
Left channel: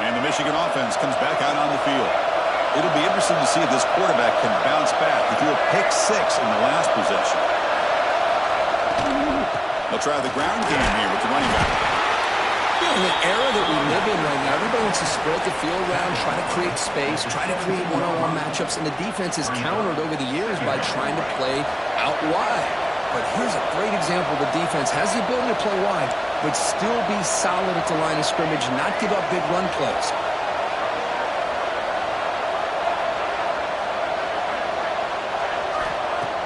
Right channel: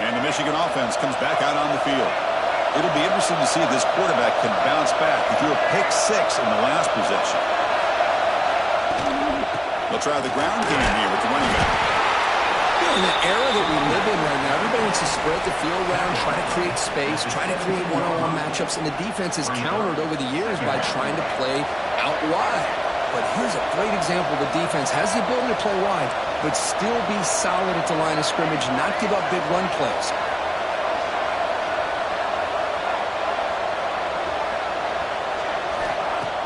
And the Michigan offense comes back out on the field. It'll be interesting to see if this quarterback can bounce back. He threw a pick 6 in the last possession. They'll try the ground game here with the running back. Yeah, in the era that we live in right now, everybody wants to spread the field around, try to create space, try to create one-on-one matchups, and the defense has countered over the years by trying to play out wide. But here's a great example. The defense has the ability to play wide, but still be solid at the line of scrimmage, not give up big run plays.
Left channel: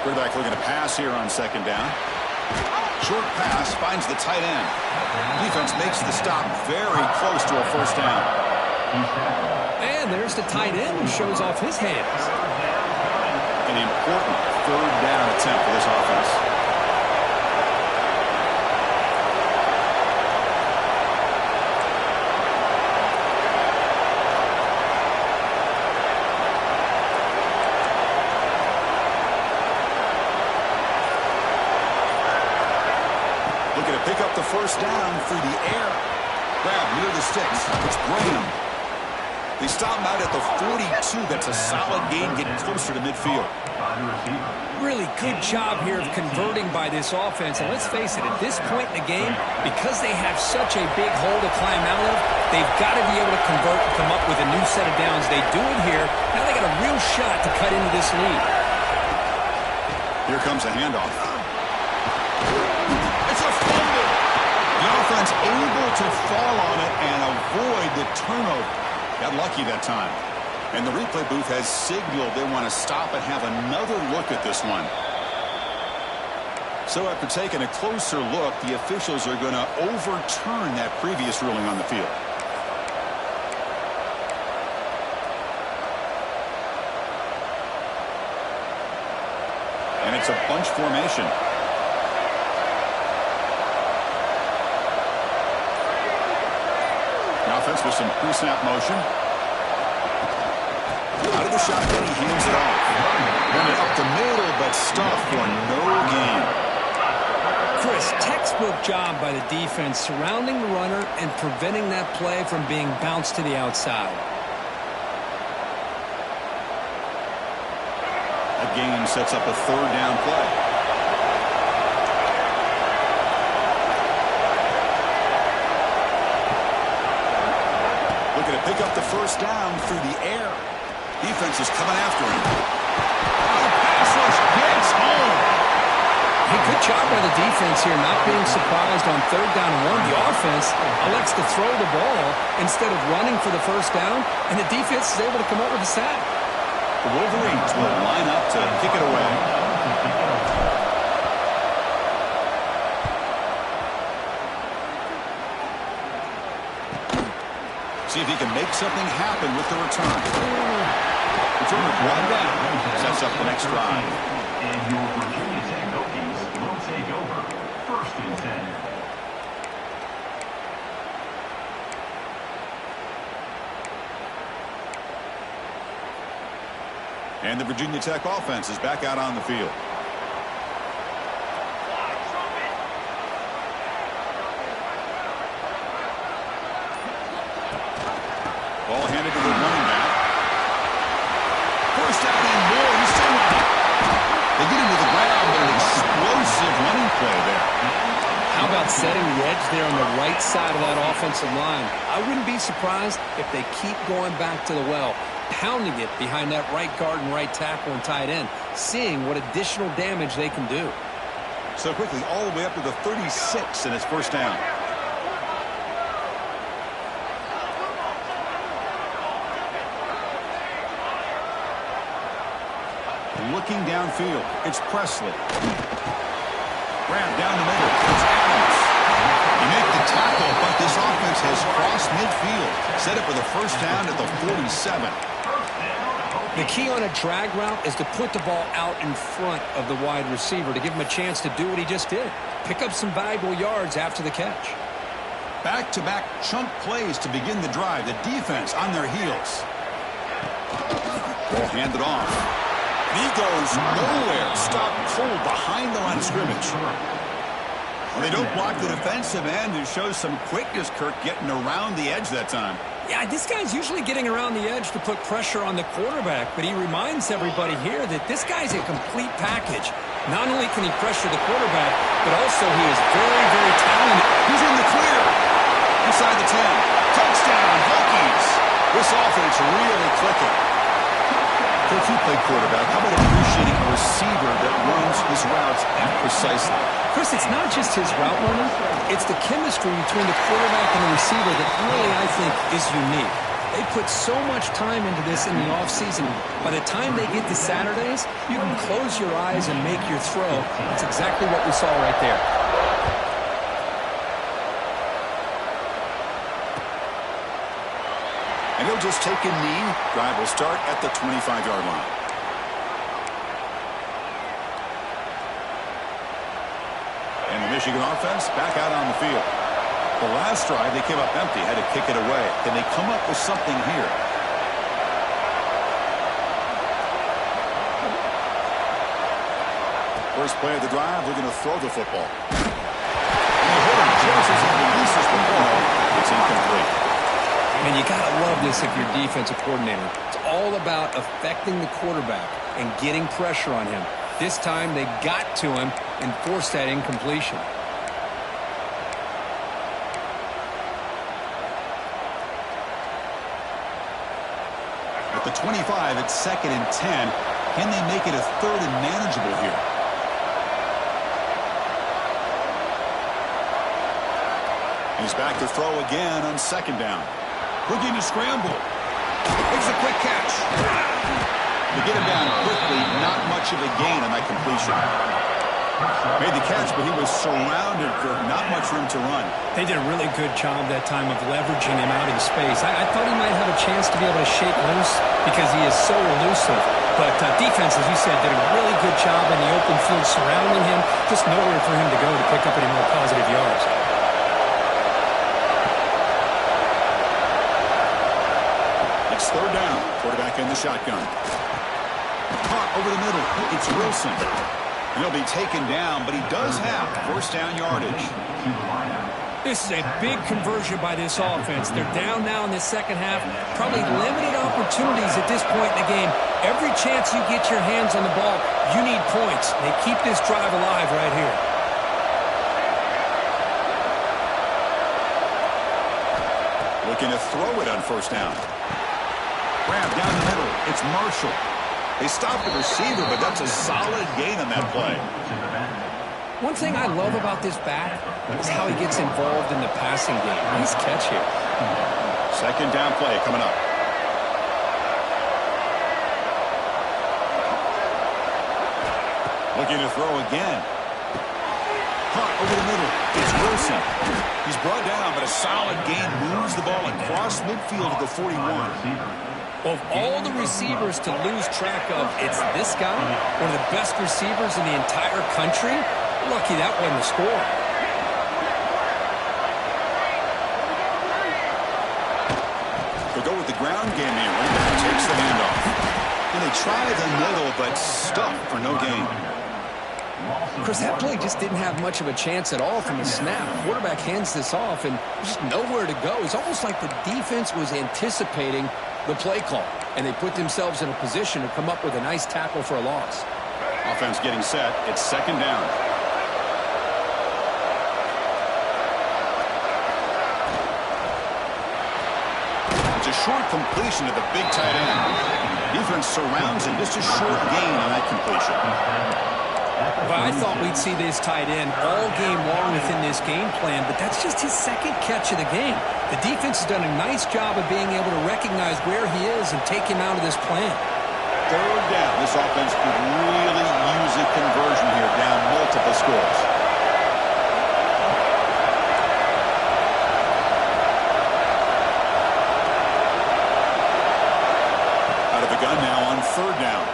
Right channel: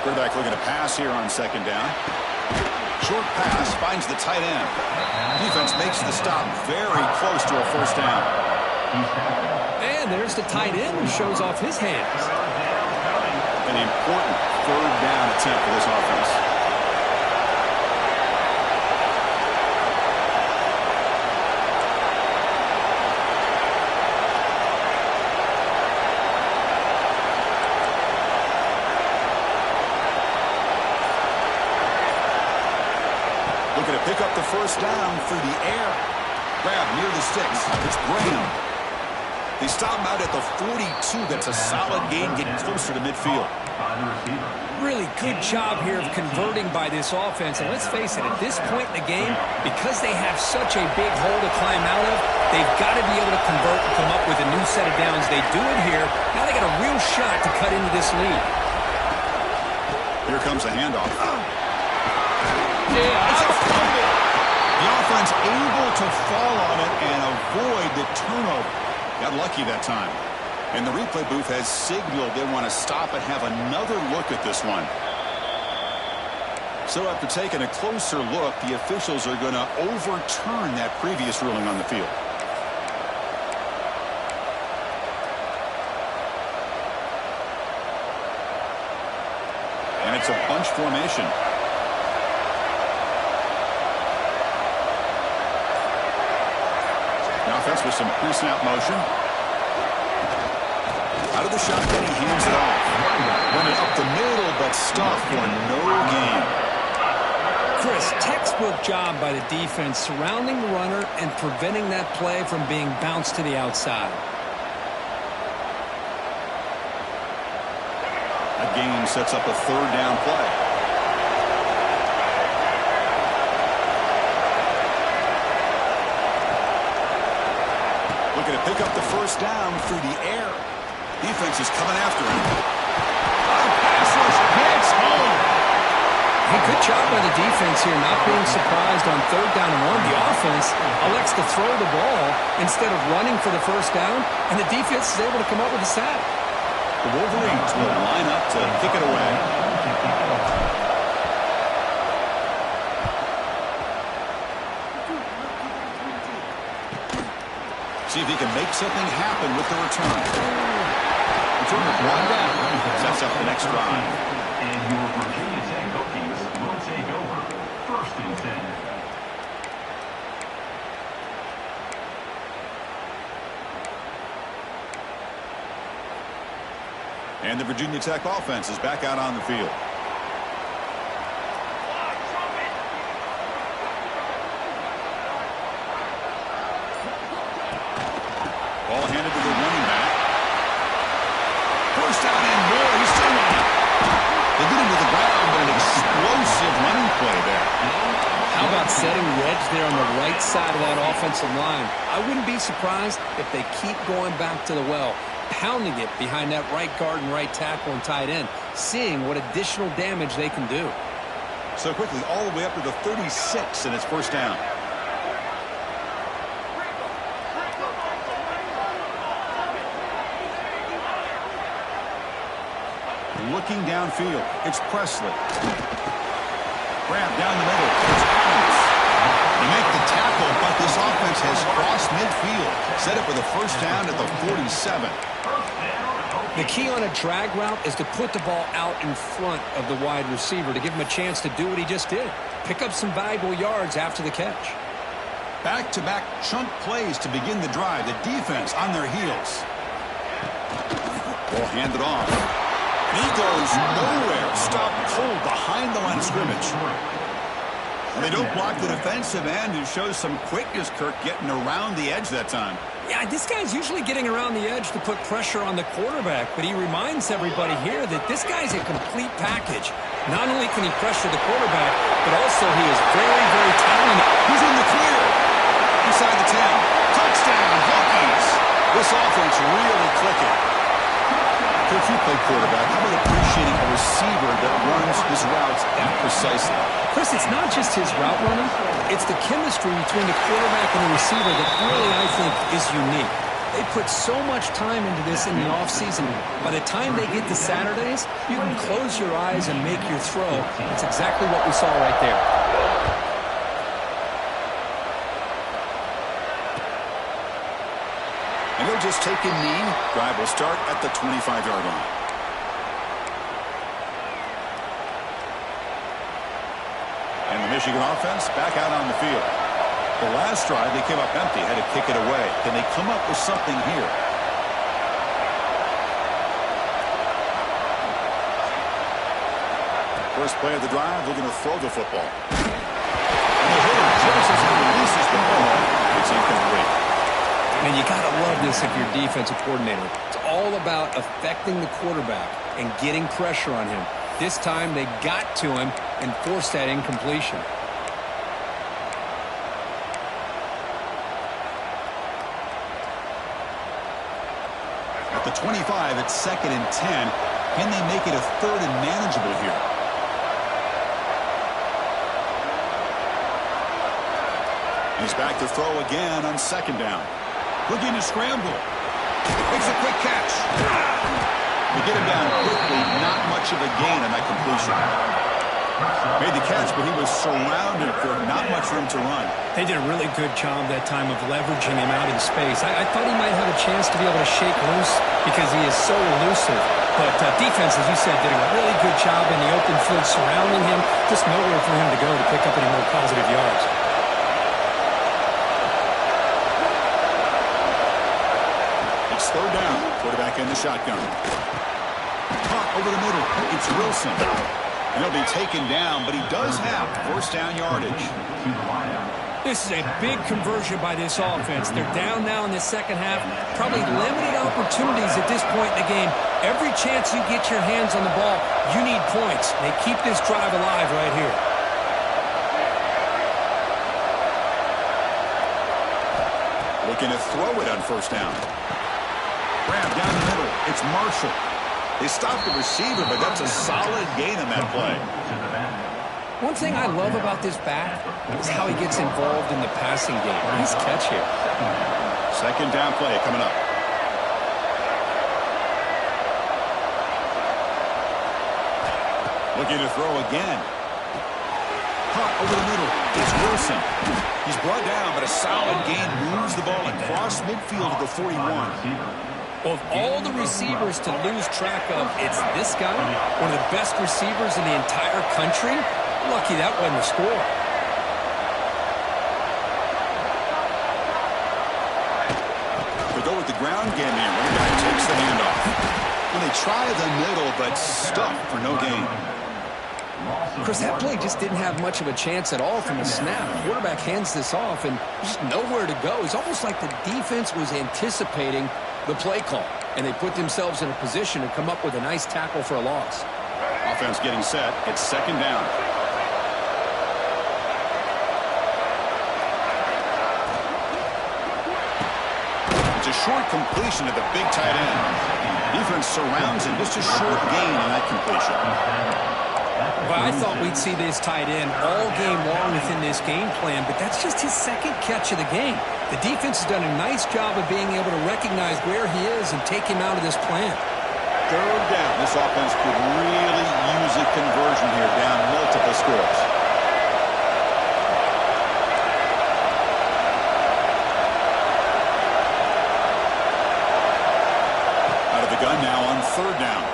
Quarterback looking to pass here on second down. Short pass finds the tight end. Defense makes the stop very close to a first down. And there's the tight end who shows off his hands. An important third down attempt for this offense. Looking to pick up the first down through the air. Grab near the sticks. It's Graham. They stop him out at the 42. That's a solid gain, getting closer to midfield. Really good job here of converting by this offense. And let's face it, at this point in the game, because they have such a big hole to climb out of, they've got to be able to convert and come up with a new set of downs. They do it here. Now they got a real shot to cut into this lead. Here comes a handoff. It's a fumble. The offense able to fall on it and avoid the turnover. Got lucky that time. And the replay booth has signaled they want to stop and have another look at this one. So after taking a closer look, the officials are going to overturn that previous ruling on the field. And it's a bunch formation. The offense with some pre-snap motion. Out of the shotgun, he hands it off. Run it up the stuff for no gain. Chris, textbook job by the defense surrounding the runner and preventing that play from being bounced to the outside. That gain sets up a third down play. Looking to pick up the first down through the air. Defense is coming after him. The pass rush gets home. Hey, good job by the defense here, not being surprised on 3rd down and 1. The offense elects to throw the ball instead of running for the first down, and the defense is able to come up with a sack. The Wolverines will line up to kick it away. See if he can make something happen with the return. Returner brought down. Sets up the next drive. And your Virginia Tech Hokies will take over 1st and 10. And the Virginia Tech offense is back out on the field. Ball handed to the running back. First down and more. He's still running. They get into the ground, but an explosive running play there. How about setting the edge there on the right side of that offensive line? I wouldn't be surprised if they keep going back to the well, pounding it behind that right guard and right tackle and tight end, seeing what additional damage they can do. So quickly, all the way up to the 36, and it's first down. Looking downfield, it's Presley. Grab down the middle, it's Adams. You make the tackle, but this offense has crossed midfield. Set up with a first down at the 47. The key on a drag route is to put the ball out in front of the wide receiver to give him a chance to do what he just did. Pick up some valuable yards after the catch. Back-to-back chunk plays to begin the drive. The defense on their heels. Ball handed off. And he goes nowhere. Stopped cold behind the line of scrimmage. Well, they don't block the defensive end, who shows some quickness, Kirk, getting around the edge that time. Yeah, this guy's usually getting around the edge to put pressure on the quarterback, but he reminds everybody here that this guy's a complete package. Not only can he pressure the quarterback, but also he is very, very talented. He's in the clear. Inside the 10. Touchdown, Hokies. This offense really clicking. Kirk, you play quarterback. How about appreciating a receiver that runs his routes that precisely? Chris, it's not just his route running. It's the chemistry between the quarterback and the receiver that really, I think, is unique. They put so much time into this in the offseason. By the time they get to Saturdays, you can close your eyes and make your throw. That's exactly what we saw right there. And he'll just take a knee. Drive will start at the 25-yard line. And the Michigan offense back out on the field. The last drive, they came up empty, had to kick it away. Can they come up with something here? First play of the drive, looking to throw the football. And the hitter just as he releases the ball, it's incomplete. And you got to love this if you're defensive coordinator. It's all about affecting the quarterback and getting pressure on him. This time they got to him and forced that incompletion. At the 25, it's 2nd and 10. Can they make it a 3rd and manageable here? He's back to throw again on 2nd down. Looking to scramble. Makes a quick catch. To get him down quickly, not much of a gain on that completion. Made the catch, but he was surrounded, Kirk. Not much room to run. They did a really good job that time of leveraging him out in space. I thought he might have a chance to be able to shake loose because he is so elusive. But defense, as you said, did a really good job in the open field surrounding him. Just nowhere for him to go to pick up any more positive yards. It's 3rd down. Quarterback in the shotgun. Caught over the middle. It's Wilson. And he'll be taken down, but he does have first down yardage. This is a big conversion by this offense. They're down now in the second half. Probably limited opportunities at this point in the game. Every chance you get your hands on the ball, you need points. They keep this drive alive right here. Looking to throw it on first down. Grab down the middle. It's Marshall. They stopped the receiver, but that's a solid gain on that play. One thing I love about this back is how he gets involved in the passing game. Nice catch here. Second down play coming up. Looking to throw again. Caught over the middle. It's Wilson. He's brought down, but a solid gain moves the ball across midfield to the 41. Of all the receivers to lose track of, it's this guy, one of the best receivers in the entire country. Lucky that wasn't a score. They go with the ground game here. Running back takes the handoff. And they try the middle, but stuffed for no gain. Chris, that play just didn't have much of a chance at all from the snap. Quarterback hands this off, and there's nowhere to go. It's almost like the defense was anticipating the play call, and they put themselves in a position to come up with a nice tackle for a loss. Offense getting set. It's second down. It's a short completion to the big tight end. Defense surrounds him. Just a short gain on that completion. But I thought we'd see this tight end all game long within this game plan, but that's just his second catch of the game. The defense has done a nice job of being able to recognize where he is and take him out of this plan. Third down. This offense could really use a conversion here, down multiple scores. Out of the gun now on third down.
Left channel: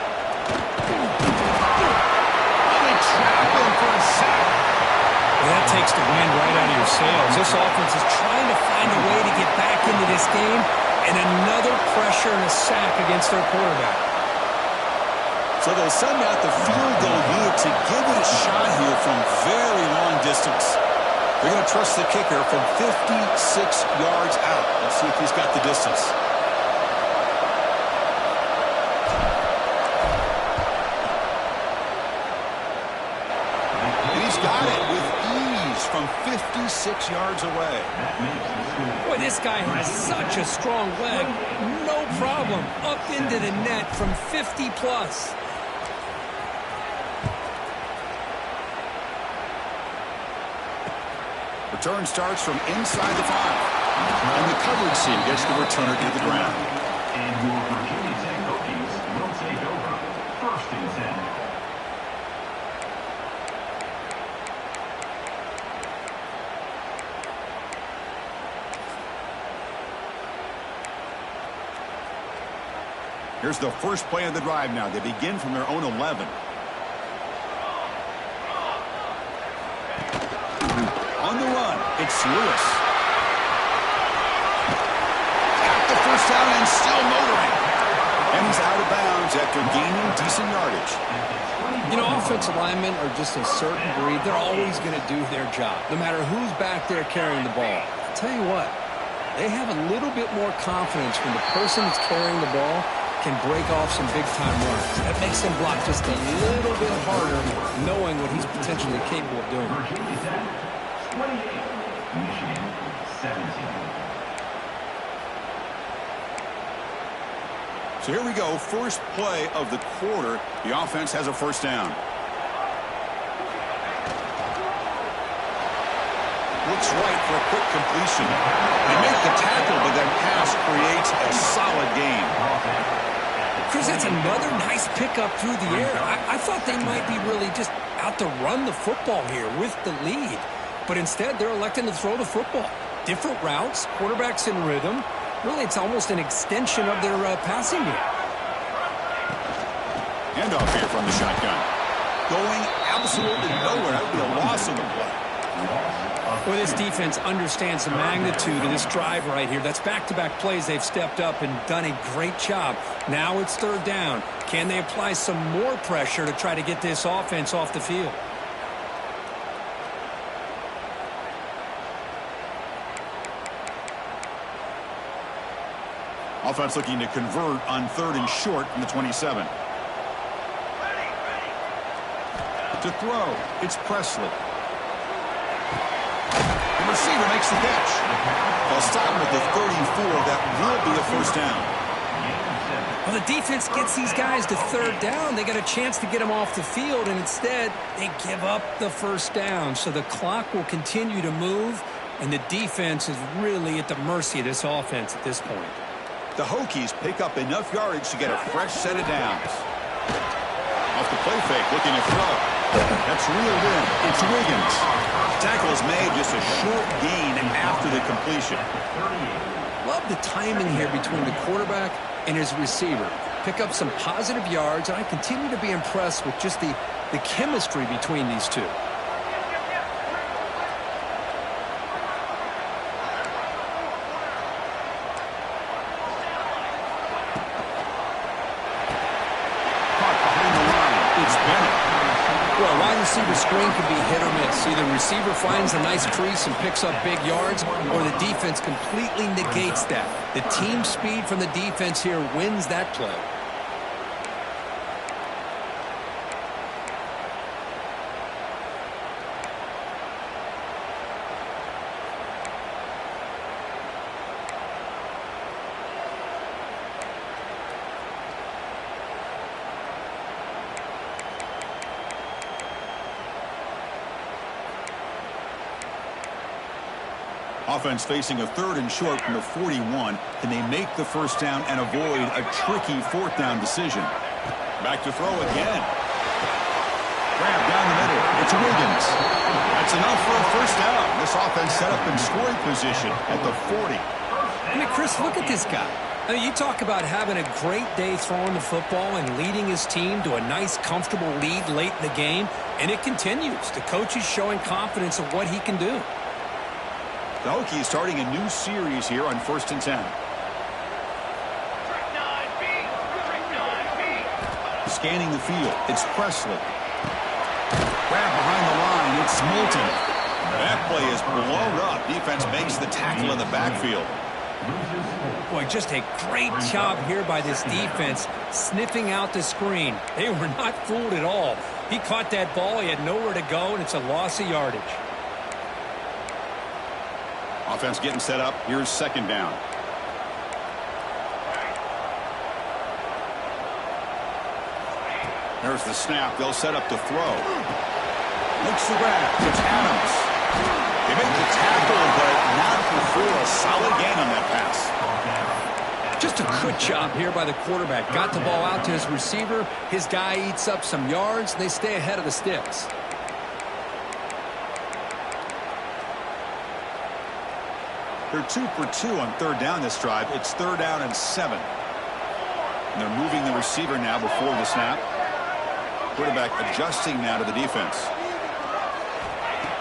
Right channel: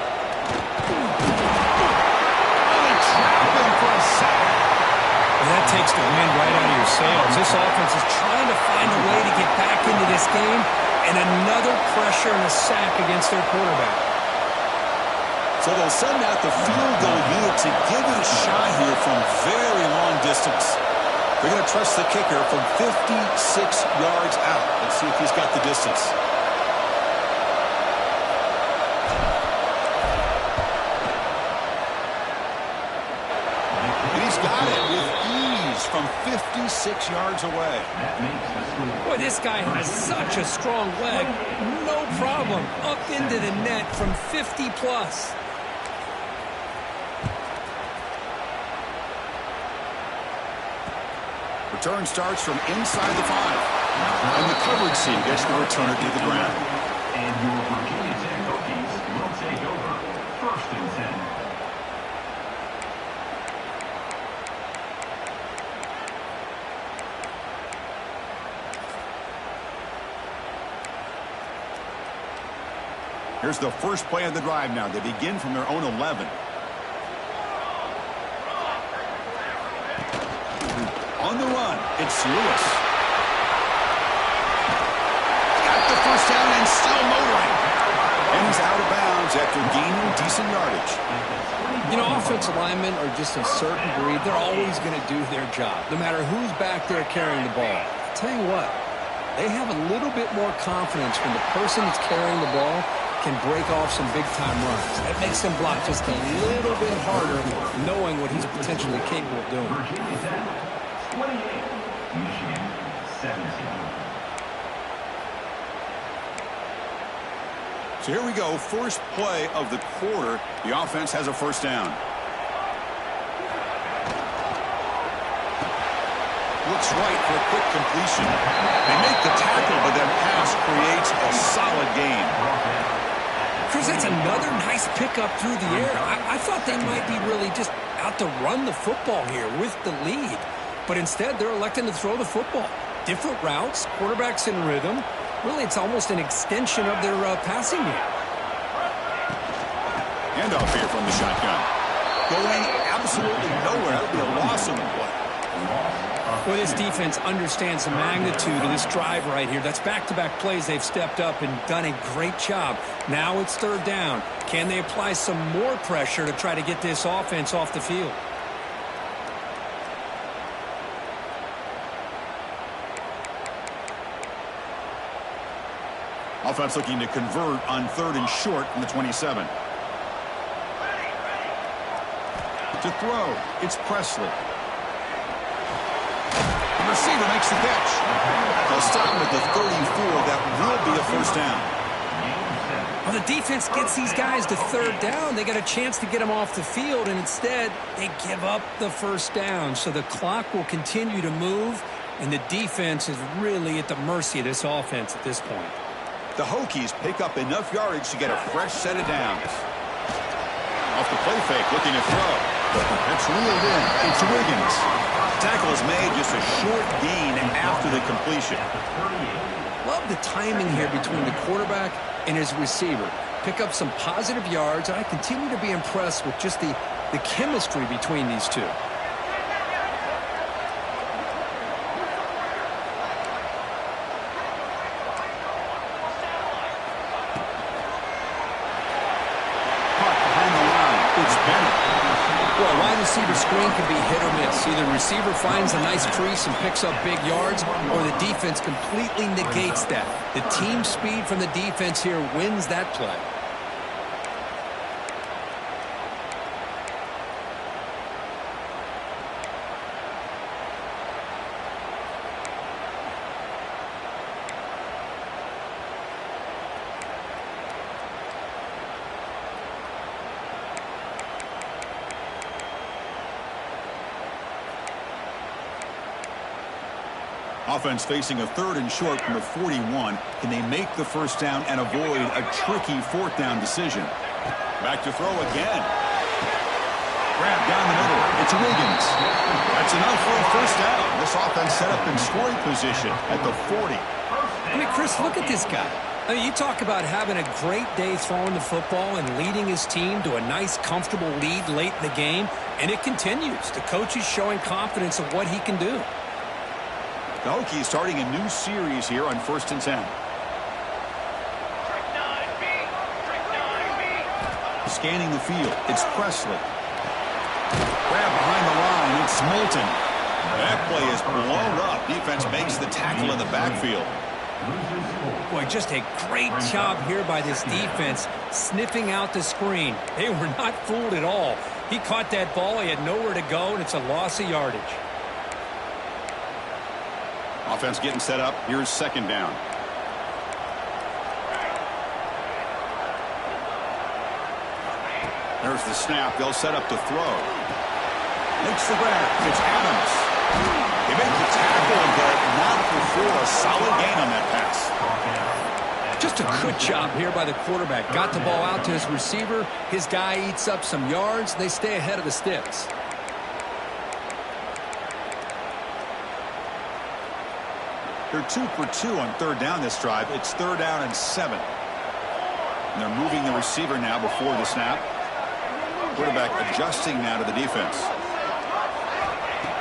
Trap him for a sack. Well, that takes the wind right out of your sails. This offense is trying to find a way to get back into this game, and another pressure and a sack against their quarterback. So they'll send out the field goal unit to give it a shot here from very long distance. They're going to trust the kicker from 56 yards out. Let's see if he's got the distance. Got it with ease from 56 yards away. Boy, this guy has such a strong leg. No problem. Up into the net from 50 plus. Return starts from inside the 5. And the coverage team gets the returner to the ground. And your Virginia Tech Hokies will take over first and 10. Here's the first play of the drive now. They begin from their own 11. On the run, it's Lewis. Got the first down and still motoring. And he's out of bounds after gaining decent yardage. You know, offensive linemen are just a certain breed. They're always going to do their job, no matter who's back there carrying the ball. I'll tell you what, they have a little bit more confidence when the person that's carrying the ball can break off some big-time runs. That makes them block just a little bit harder, knowing what he's potentially capable of doing. Virginia Tech, 28. Michigan, 17. So here we go, first play of the quarter. The offense has a first down. Looks right for a quick completion. They make the tackle, but that pass creates a solid gain. Chris, that's another nice pickup through the air. I thought they might be really just out to run the football here with the lead. But instead, they're electing to throw the football. Different routes, quarterbacks in rhythm. Really, it's almost an extension of their passing game. Handoff here from the shotgun. Going absolutely nowhere. That would be a loss on the play. Well, this defense understands the magnitude of this drive right here. That's back-to-back plays. They've stepped up and done a great job. Now it's third down. Can they apply some more pressure to try to get this offense off the field? Offense looking to convert on 3rd and short from the 27. To throw, it's Presley. The receiver makes the catch. They'll stop him at the 34. That will be a first down. Well, the defense gets these guys to third down. They got a chance to get them off the field, and instead they give up the first down. So the clock will continue to move, and the defense is really at the mercy of this offense at this point. The Hokies pick up enough yardage to get a fresh set of downs. Off the play fake, looking to throw. That's reeled in. It's Wiggins. Tackle is made, just a short gain after the completion. Love the timing here between the quarterback and his receiver. Pick up some positive yards, and I continue to be impressed with just the chemistry between these two. It's Bennett. Well, a wide receiver screen can be hit or miss. Either receiver finds a nice crease and picks up big yards, or the defense completely negates that. The team speed from the defense here wins that play. Offense facing a 3rd and short from the 41. Can they make the first down and avoid a tricky 4th down decision? Back to throw again. Grab down the middle. It's Wiggins. That's enough for a first down. This offense set up in scoring position at the 40. I mean, Chris, look at this guy. I mean, you talk about having a great day throwing the football and leading his team to a nice, comfortable lead late in the game, and it continues. The coach is showing confidence of what he can do. The Hokies starting a new series here on 1st and 10. Scanning the field, it's Presley. Grab behind the line, it's Moulton. That play is blown up. Defense makes the tackle in the backfield. Boy, just a great job here by this defense, sniffing out the screen. They were not fooled at all. He caught that ball, he had nowhere to go, and it's a loss of yardage. Offense getting set up. Here's 2nd down. There's the snap. They'll set up to throw. Makes the grab. It's Adams. They make the tackle, but not before a solid gain on that pass. Just a good job here by the quarterback. Got the ball out to his receiver. His guy eats up some yards. They stay ahead of the sticks. They're 2 for 2 on 3rd down this drive. It's 3rd down and 7. And they're moving the receiver now before the snap. Quarterback adjusting now to the defense.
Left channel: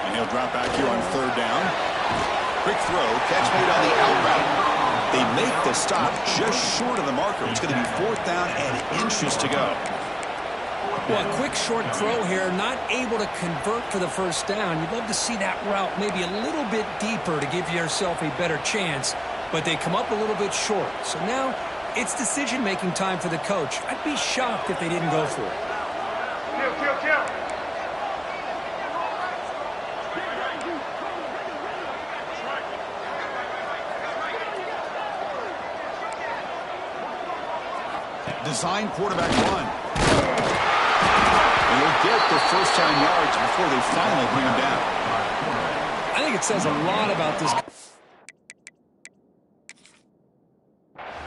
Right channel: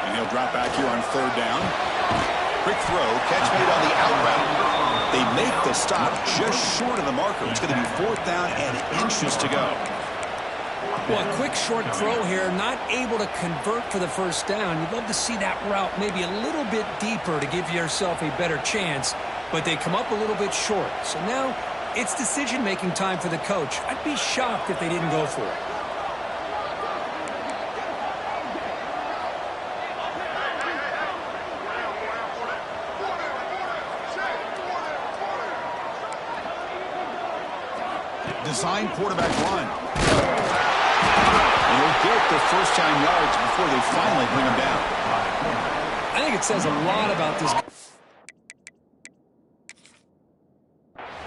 And he'll drop back here on 3rd down. Quick throw. Catch made on the out route. They make the stop just short of the marker. It's going to be 4th down and inches to go. Well, a quick short throw here, not able to convert for the first down. You'd love to see that route maybe a little bit deeper to give yourself a better chance, but they come up a little bit short. So now it's decision-making time for the coach. I'd be shocked if they didn't go for it. Design quarterback run. And he'll get the first down yards before they finally bring him down. I think it says a lot about this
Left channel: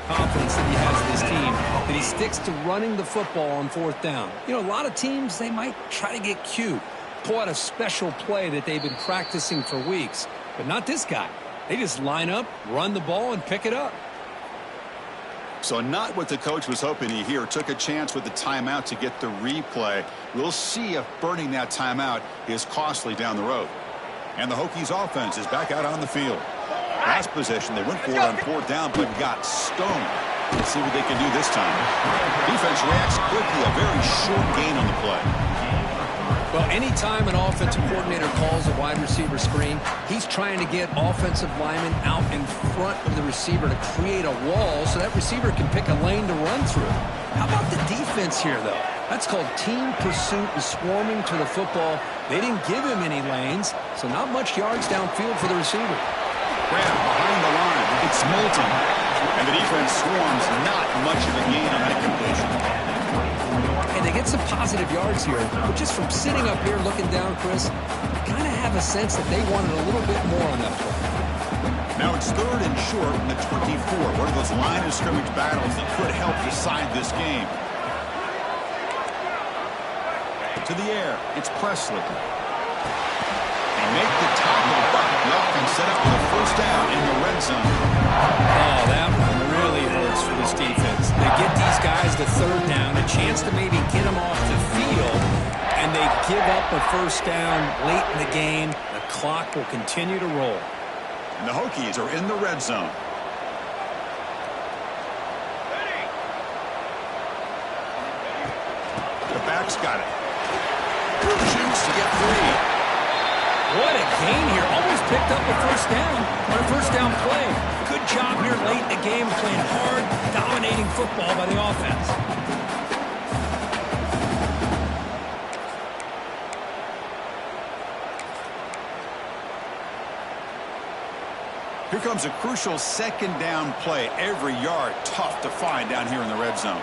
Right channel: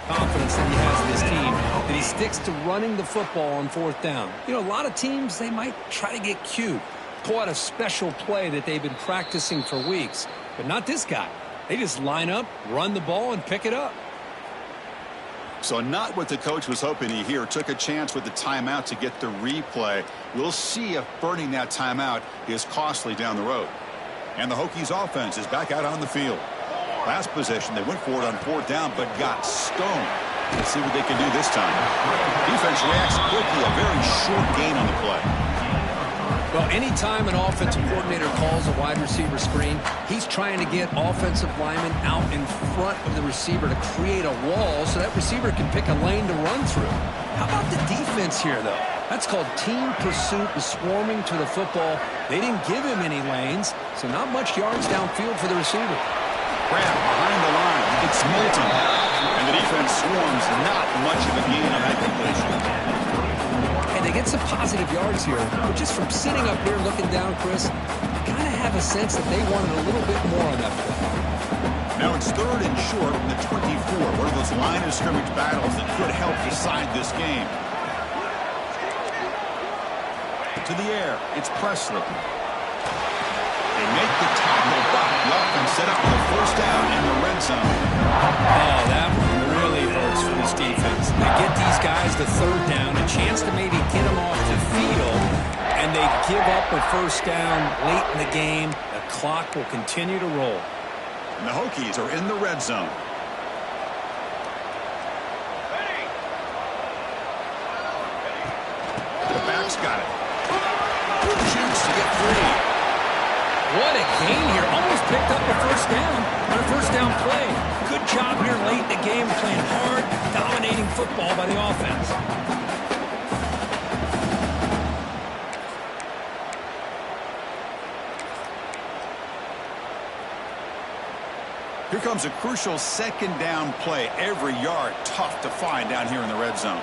confidence that he has in his team, that he sticks to running the football on 4th down. You know, a lot of teams, they might try to get cute, pull out a special play that they've been practicing for weeks, but not this guy. They just line up, run the ball, and pick it up. So not what the coach was hoping to hear. Took a chance with the timeout to get the replay. We'll see if burning that timeout is costly down the road. And the Hokies offense is back out on the field. Last possession, they went for it on 4th down, but got stoned. Let's see what they can do this time. Defense reacts quickly, a very short gain on the play. Well, anytime an offensive coordinator calls a wide receiver screen, he's trying to get offensive linemen out in front of the receiver to create a wall so that receiver can pick a lane to run through. How about the defense here, though? That's called team pursuit and swarming to the football. They didn't give him any lanes, so not much yards downfield for the receiver. Grab behind the line. It's Moulton. And the defense swarms. Not much of a gain on that completion. And they get some positive yards here. But just from sitting up here looking down, Chris, you kind of have a sense that they wanted a little bit more on that play. Now it's 3rd and short from the 24. One of those line of scrimmage battles that could help decide this game. To the air. It's Presley. They make the tackle, but the offense set up with a 1st down in the red zone. Oh, that one really hurts for this defense. They get these guys the 3rd down, a chance to maybe get them off the field, and they give up a 1st down late in the game. The clock will continue to roll. And the Hokies are in the red zone. The back's got it. Shoots to get 3. What a gain here. Almost picked up a 1st down on a 1st down play. Good job here late in the game, playing hard, dominating football by the offense. Here comes a crucial 2nd down play. Every yard tough to find down here in the red zone.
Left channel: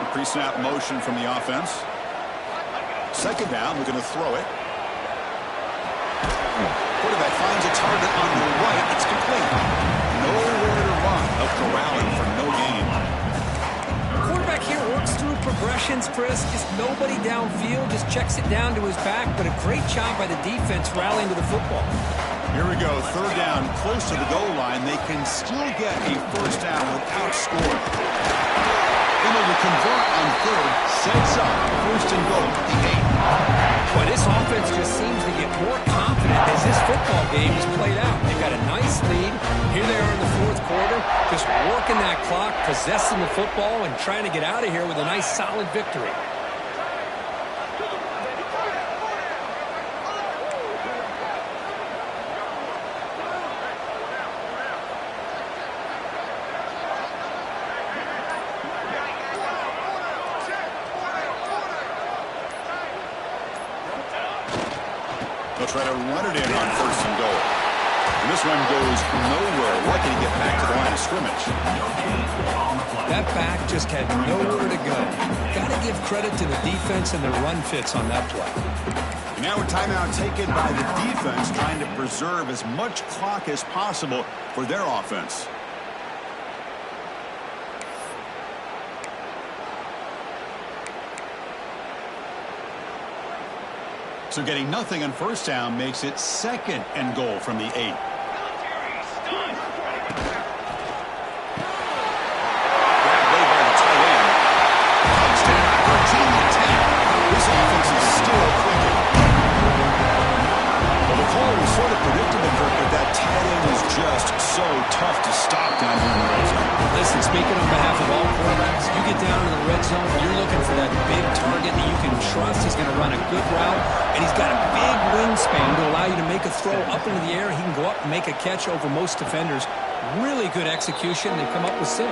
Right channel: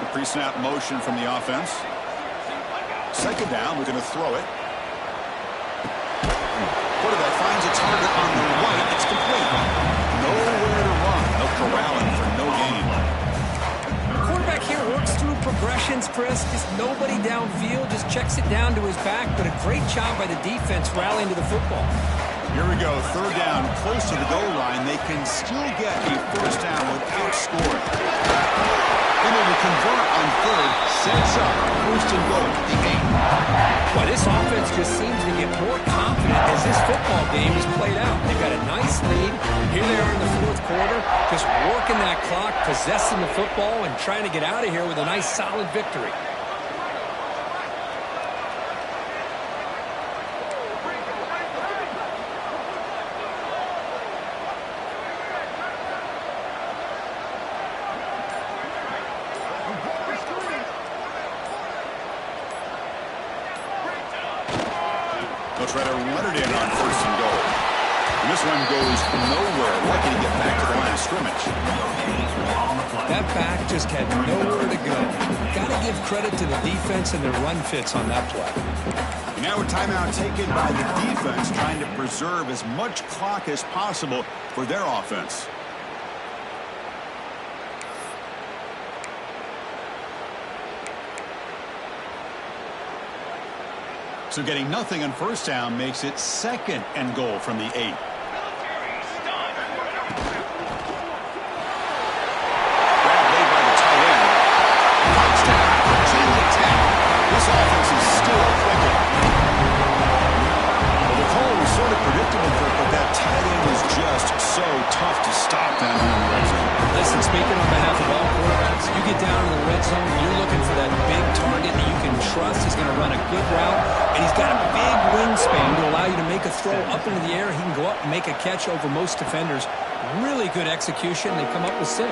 The pre-snap motion from the offense. 2nd down, we're going to throw it. Quarterback finds a target on the right. It's complete. Nowhere to run. They'll corral him for no gain. Quarterback here works through progressions, Chris. Just nobody downfield. Just checks it down to his back. But a great job by the defense rallying to the football. Here we go. 3rd down, close to the goal line. They can still get a 1st down without scoring. Able to convert on 3rd, sets up 1st and goal at the 8. Well, this offense just seems to get more confident as this football game is played out. They've got a nice lead. Here they are in the 4th quarter, just working that clock, possessing the football, and trying to get out of here with a nice, solid victory. They'll try to run it in on 1st and goal. And this one goes nowhere. Lucky to get back to the line of scrimmage. That back just had nowhere to go. Got to give credit to the defense and their run fits on that play. And now a timeout taken by the defense, trying to preserve as much clock as possible for their offense. So getting nothing on 1st down makes it 2nd and goal from the 8. Military stun. Grab made by the tight end. Touchdown, Virginia Tech. This offense is still clicking. Well, the call was sort of predictable, Kirk, but that tight end is just so tough to stop down here in the red zone. Listen, speaking on behalf of all quarterbacks, you get down in the red zone, you're looking for that big target that you can trust. He's going to run a good route, and he's got a big wingspan to allow you to make a throw up into the air. He can go up and make a catch over most defenders. Really good execution. They've come up with 6.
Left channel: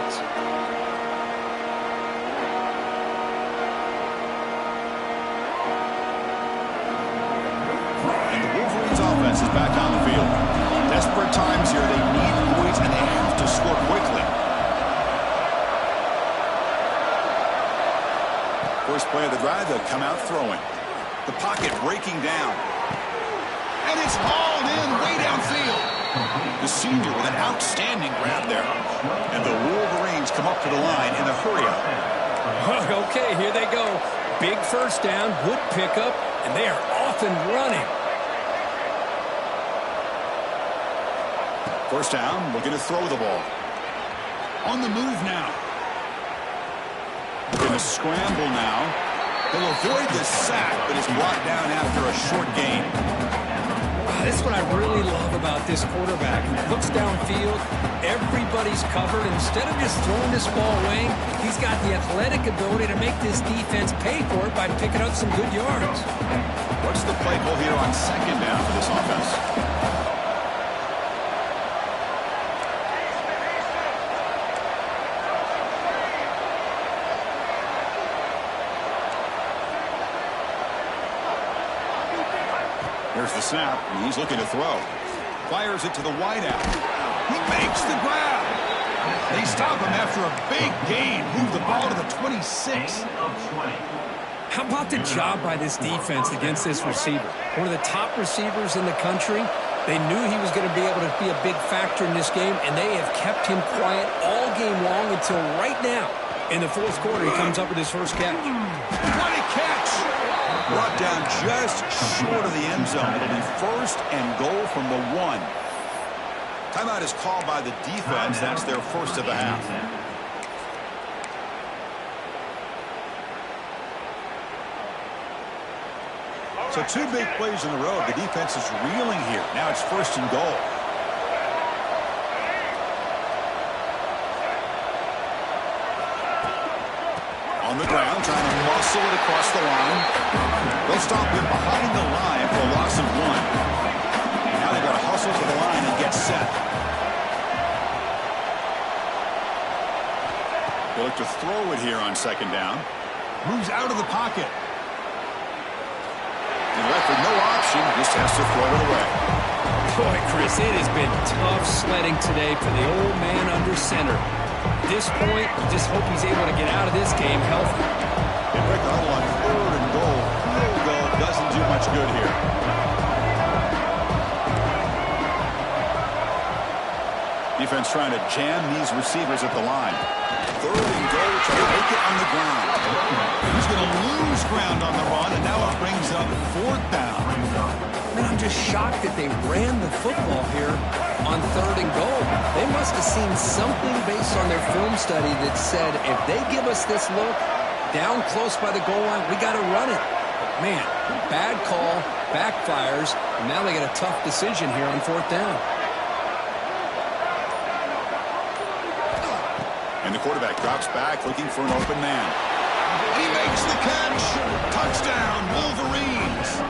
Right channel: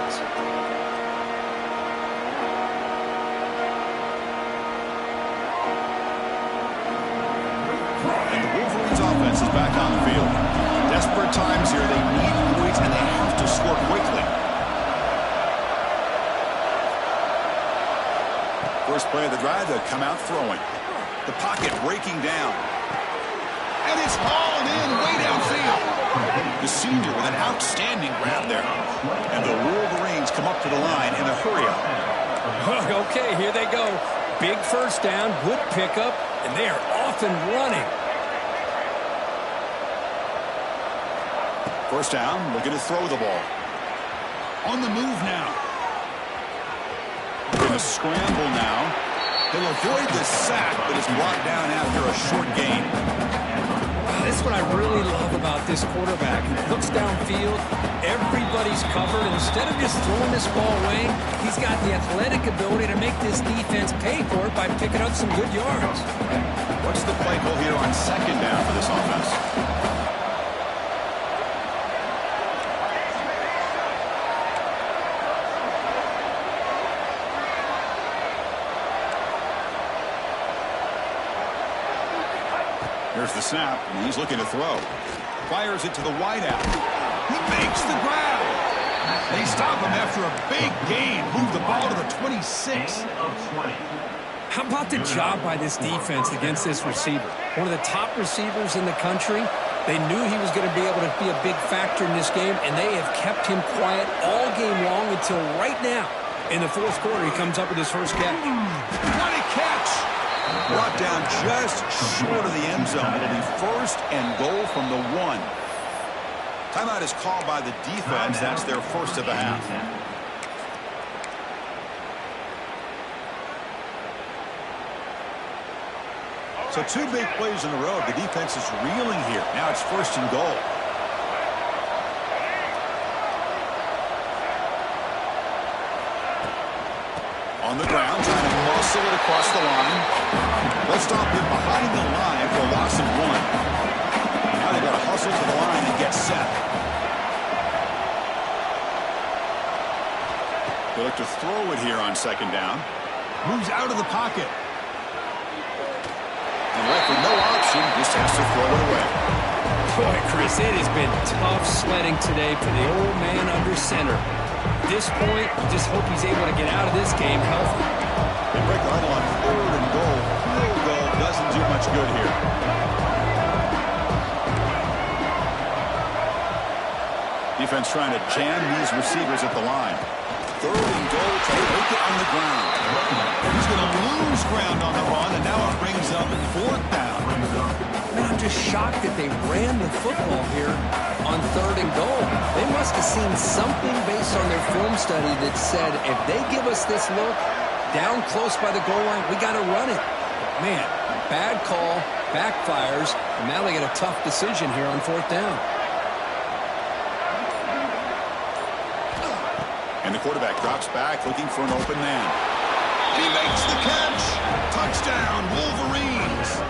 And the Wolverines offense is back on the field. Desperate times here. They need points, and they have to score quickly. First play of the drive, they'll come out throwing. The pocket breaking down. And it's hauled in way downfield. The senior with an outstanding grab there. And the Wolverines come up to the line in a hurry-up. Okay, here they go. Big 1st down, good pickup, and they are off and running. 1st down, looking to throw the ball. On the move now. In a scramble now. He'll avoid the sack, but is brought down after a short gain. This is what I really love about this quarterback. He looks downfield, everybody's covered. Instead of just throwing this ball away, he's got the athletic ability to make this defense pay for it by picking up some good yards. What's the play call here on second down for this offense? Here's the snap, and he's looking to throw. Fires it to the wideout. He makes the grab. They stop him after a big gain. Move the ball to the 26. How about the job by this defense against this receiver? One of the top receivers in the country. They knew he was going to be able to be a big factor in this game, and they have kept him quiet all game long until right now. In the fourth quarter, he comes up with his first catch. What a catch! Brought down just short of the end zone. It'll be first and goal from the 1. Timeout is called by the defense. That's their first of the half. So 2 big plays in a row. The defense is reeling here. Now it's first and goal. On the ground, trying to muscle it across the line. They'll stop him behind the line for a loss of 1. Now they've got to hustle to the line and get set. They look to throw it here on second down. Moves out of the pocket. And left with no option, just has to throw it away. Boy, Chris, it has been tough sledding today for the old man under center. At this point, you just hope he's able to get out of this game healthy. They break the huddle on third and goal. Field goal doesn't do much good here. Defense trying to jam these receivers at the line. Third and goal, trying to make it on the ground. He's going to lose ground on the run, and now it brings up fourth down. Man, I'm just shocked that they ran the football here on third and goal. They must have seen something based on their film study that said, if they give us this look down close by the goal line, we got to run it. But man, bad call, backfires, and now they get a tough decision here on fourth down. And the quarterback drops back looking for an open man. And he makes the catch. Touchdown, Wolverines.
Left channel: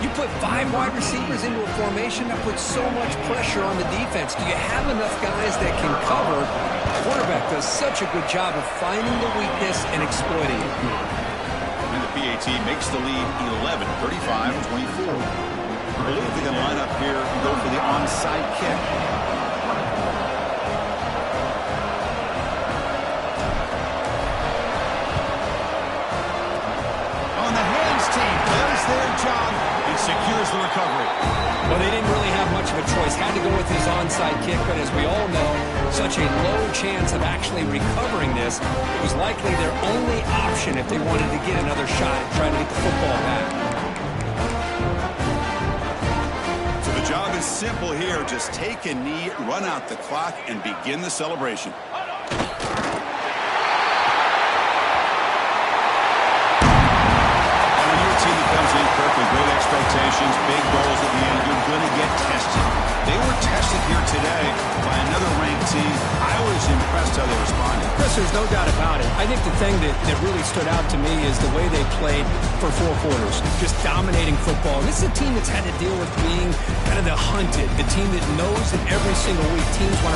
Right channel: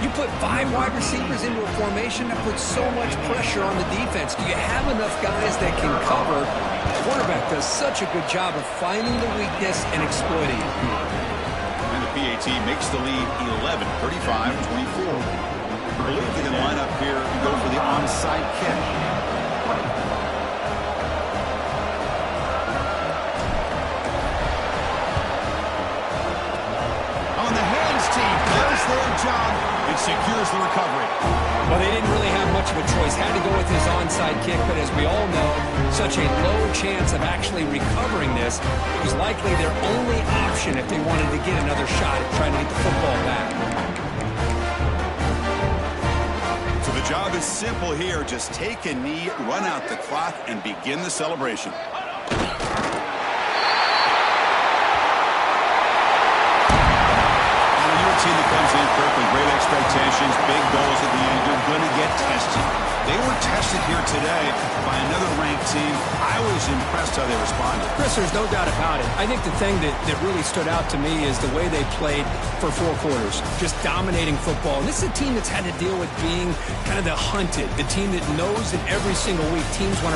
You put 5 wide receivers into a formation, that puts so much pressure on the defense. Do you have enough guys that can cover? The quarterback does such a good job of finding the weakness and exploiting it. And the PAT makes the lead 11, 35-24. I believe they can line up here and go for the onside kick. On the hands team does their job and secures the recovery. Well, they didn't really have much of a choice. Had to go with his onside kick, but as we all know, such a low chance of actually recovering this. It was likely their only option if they wanted to get another shot at trying to get the football back. So the job is simple here. Just take a knee, run out the clock, and begin the celebration. Team that comes in, Kirk, with great expectations, big goals at the end, you're going to get tested. They were tested here today by another ranked team. I was impressed how they responded. Chris, there's no doubt about it. I think the thing that really stood out to me is the way they played for 4 quarters, just dominating football. And this is a team that's had to deal with being kind of the hunted, the team that knows that every single week teams want to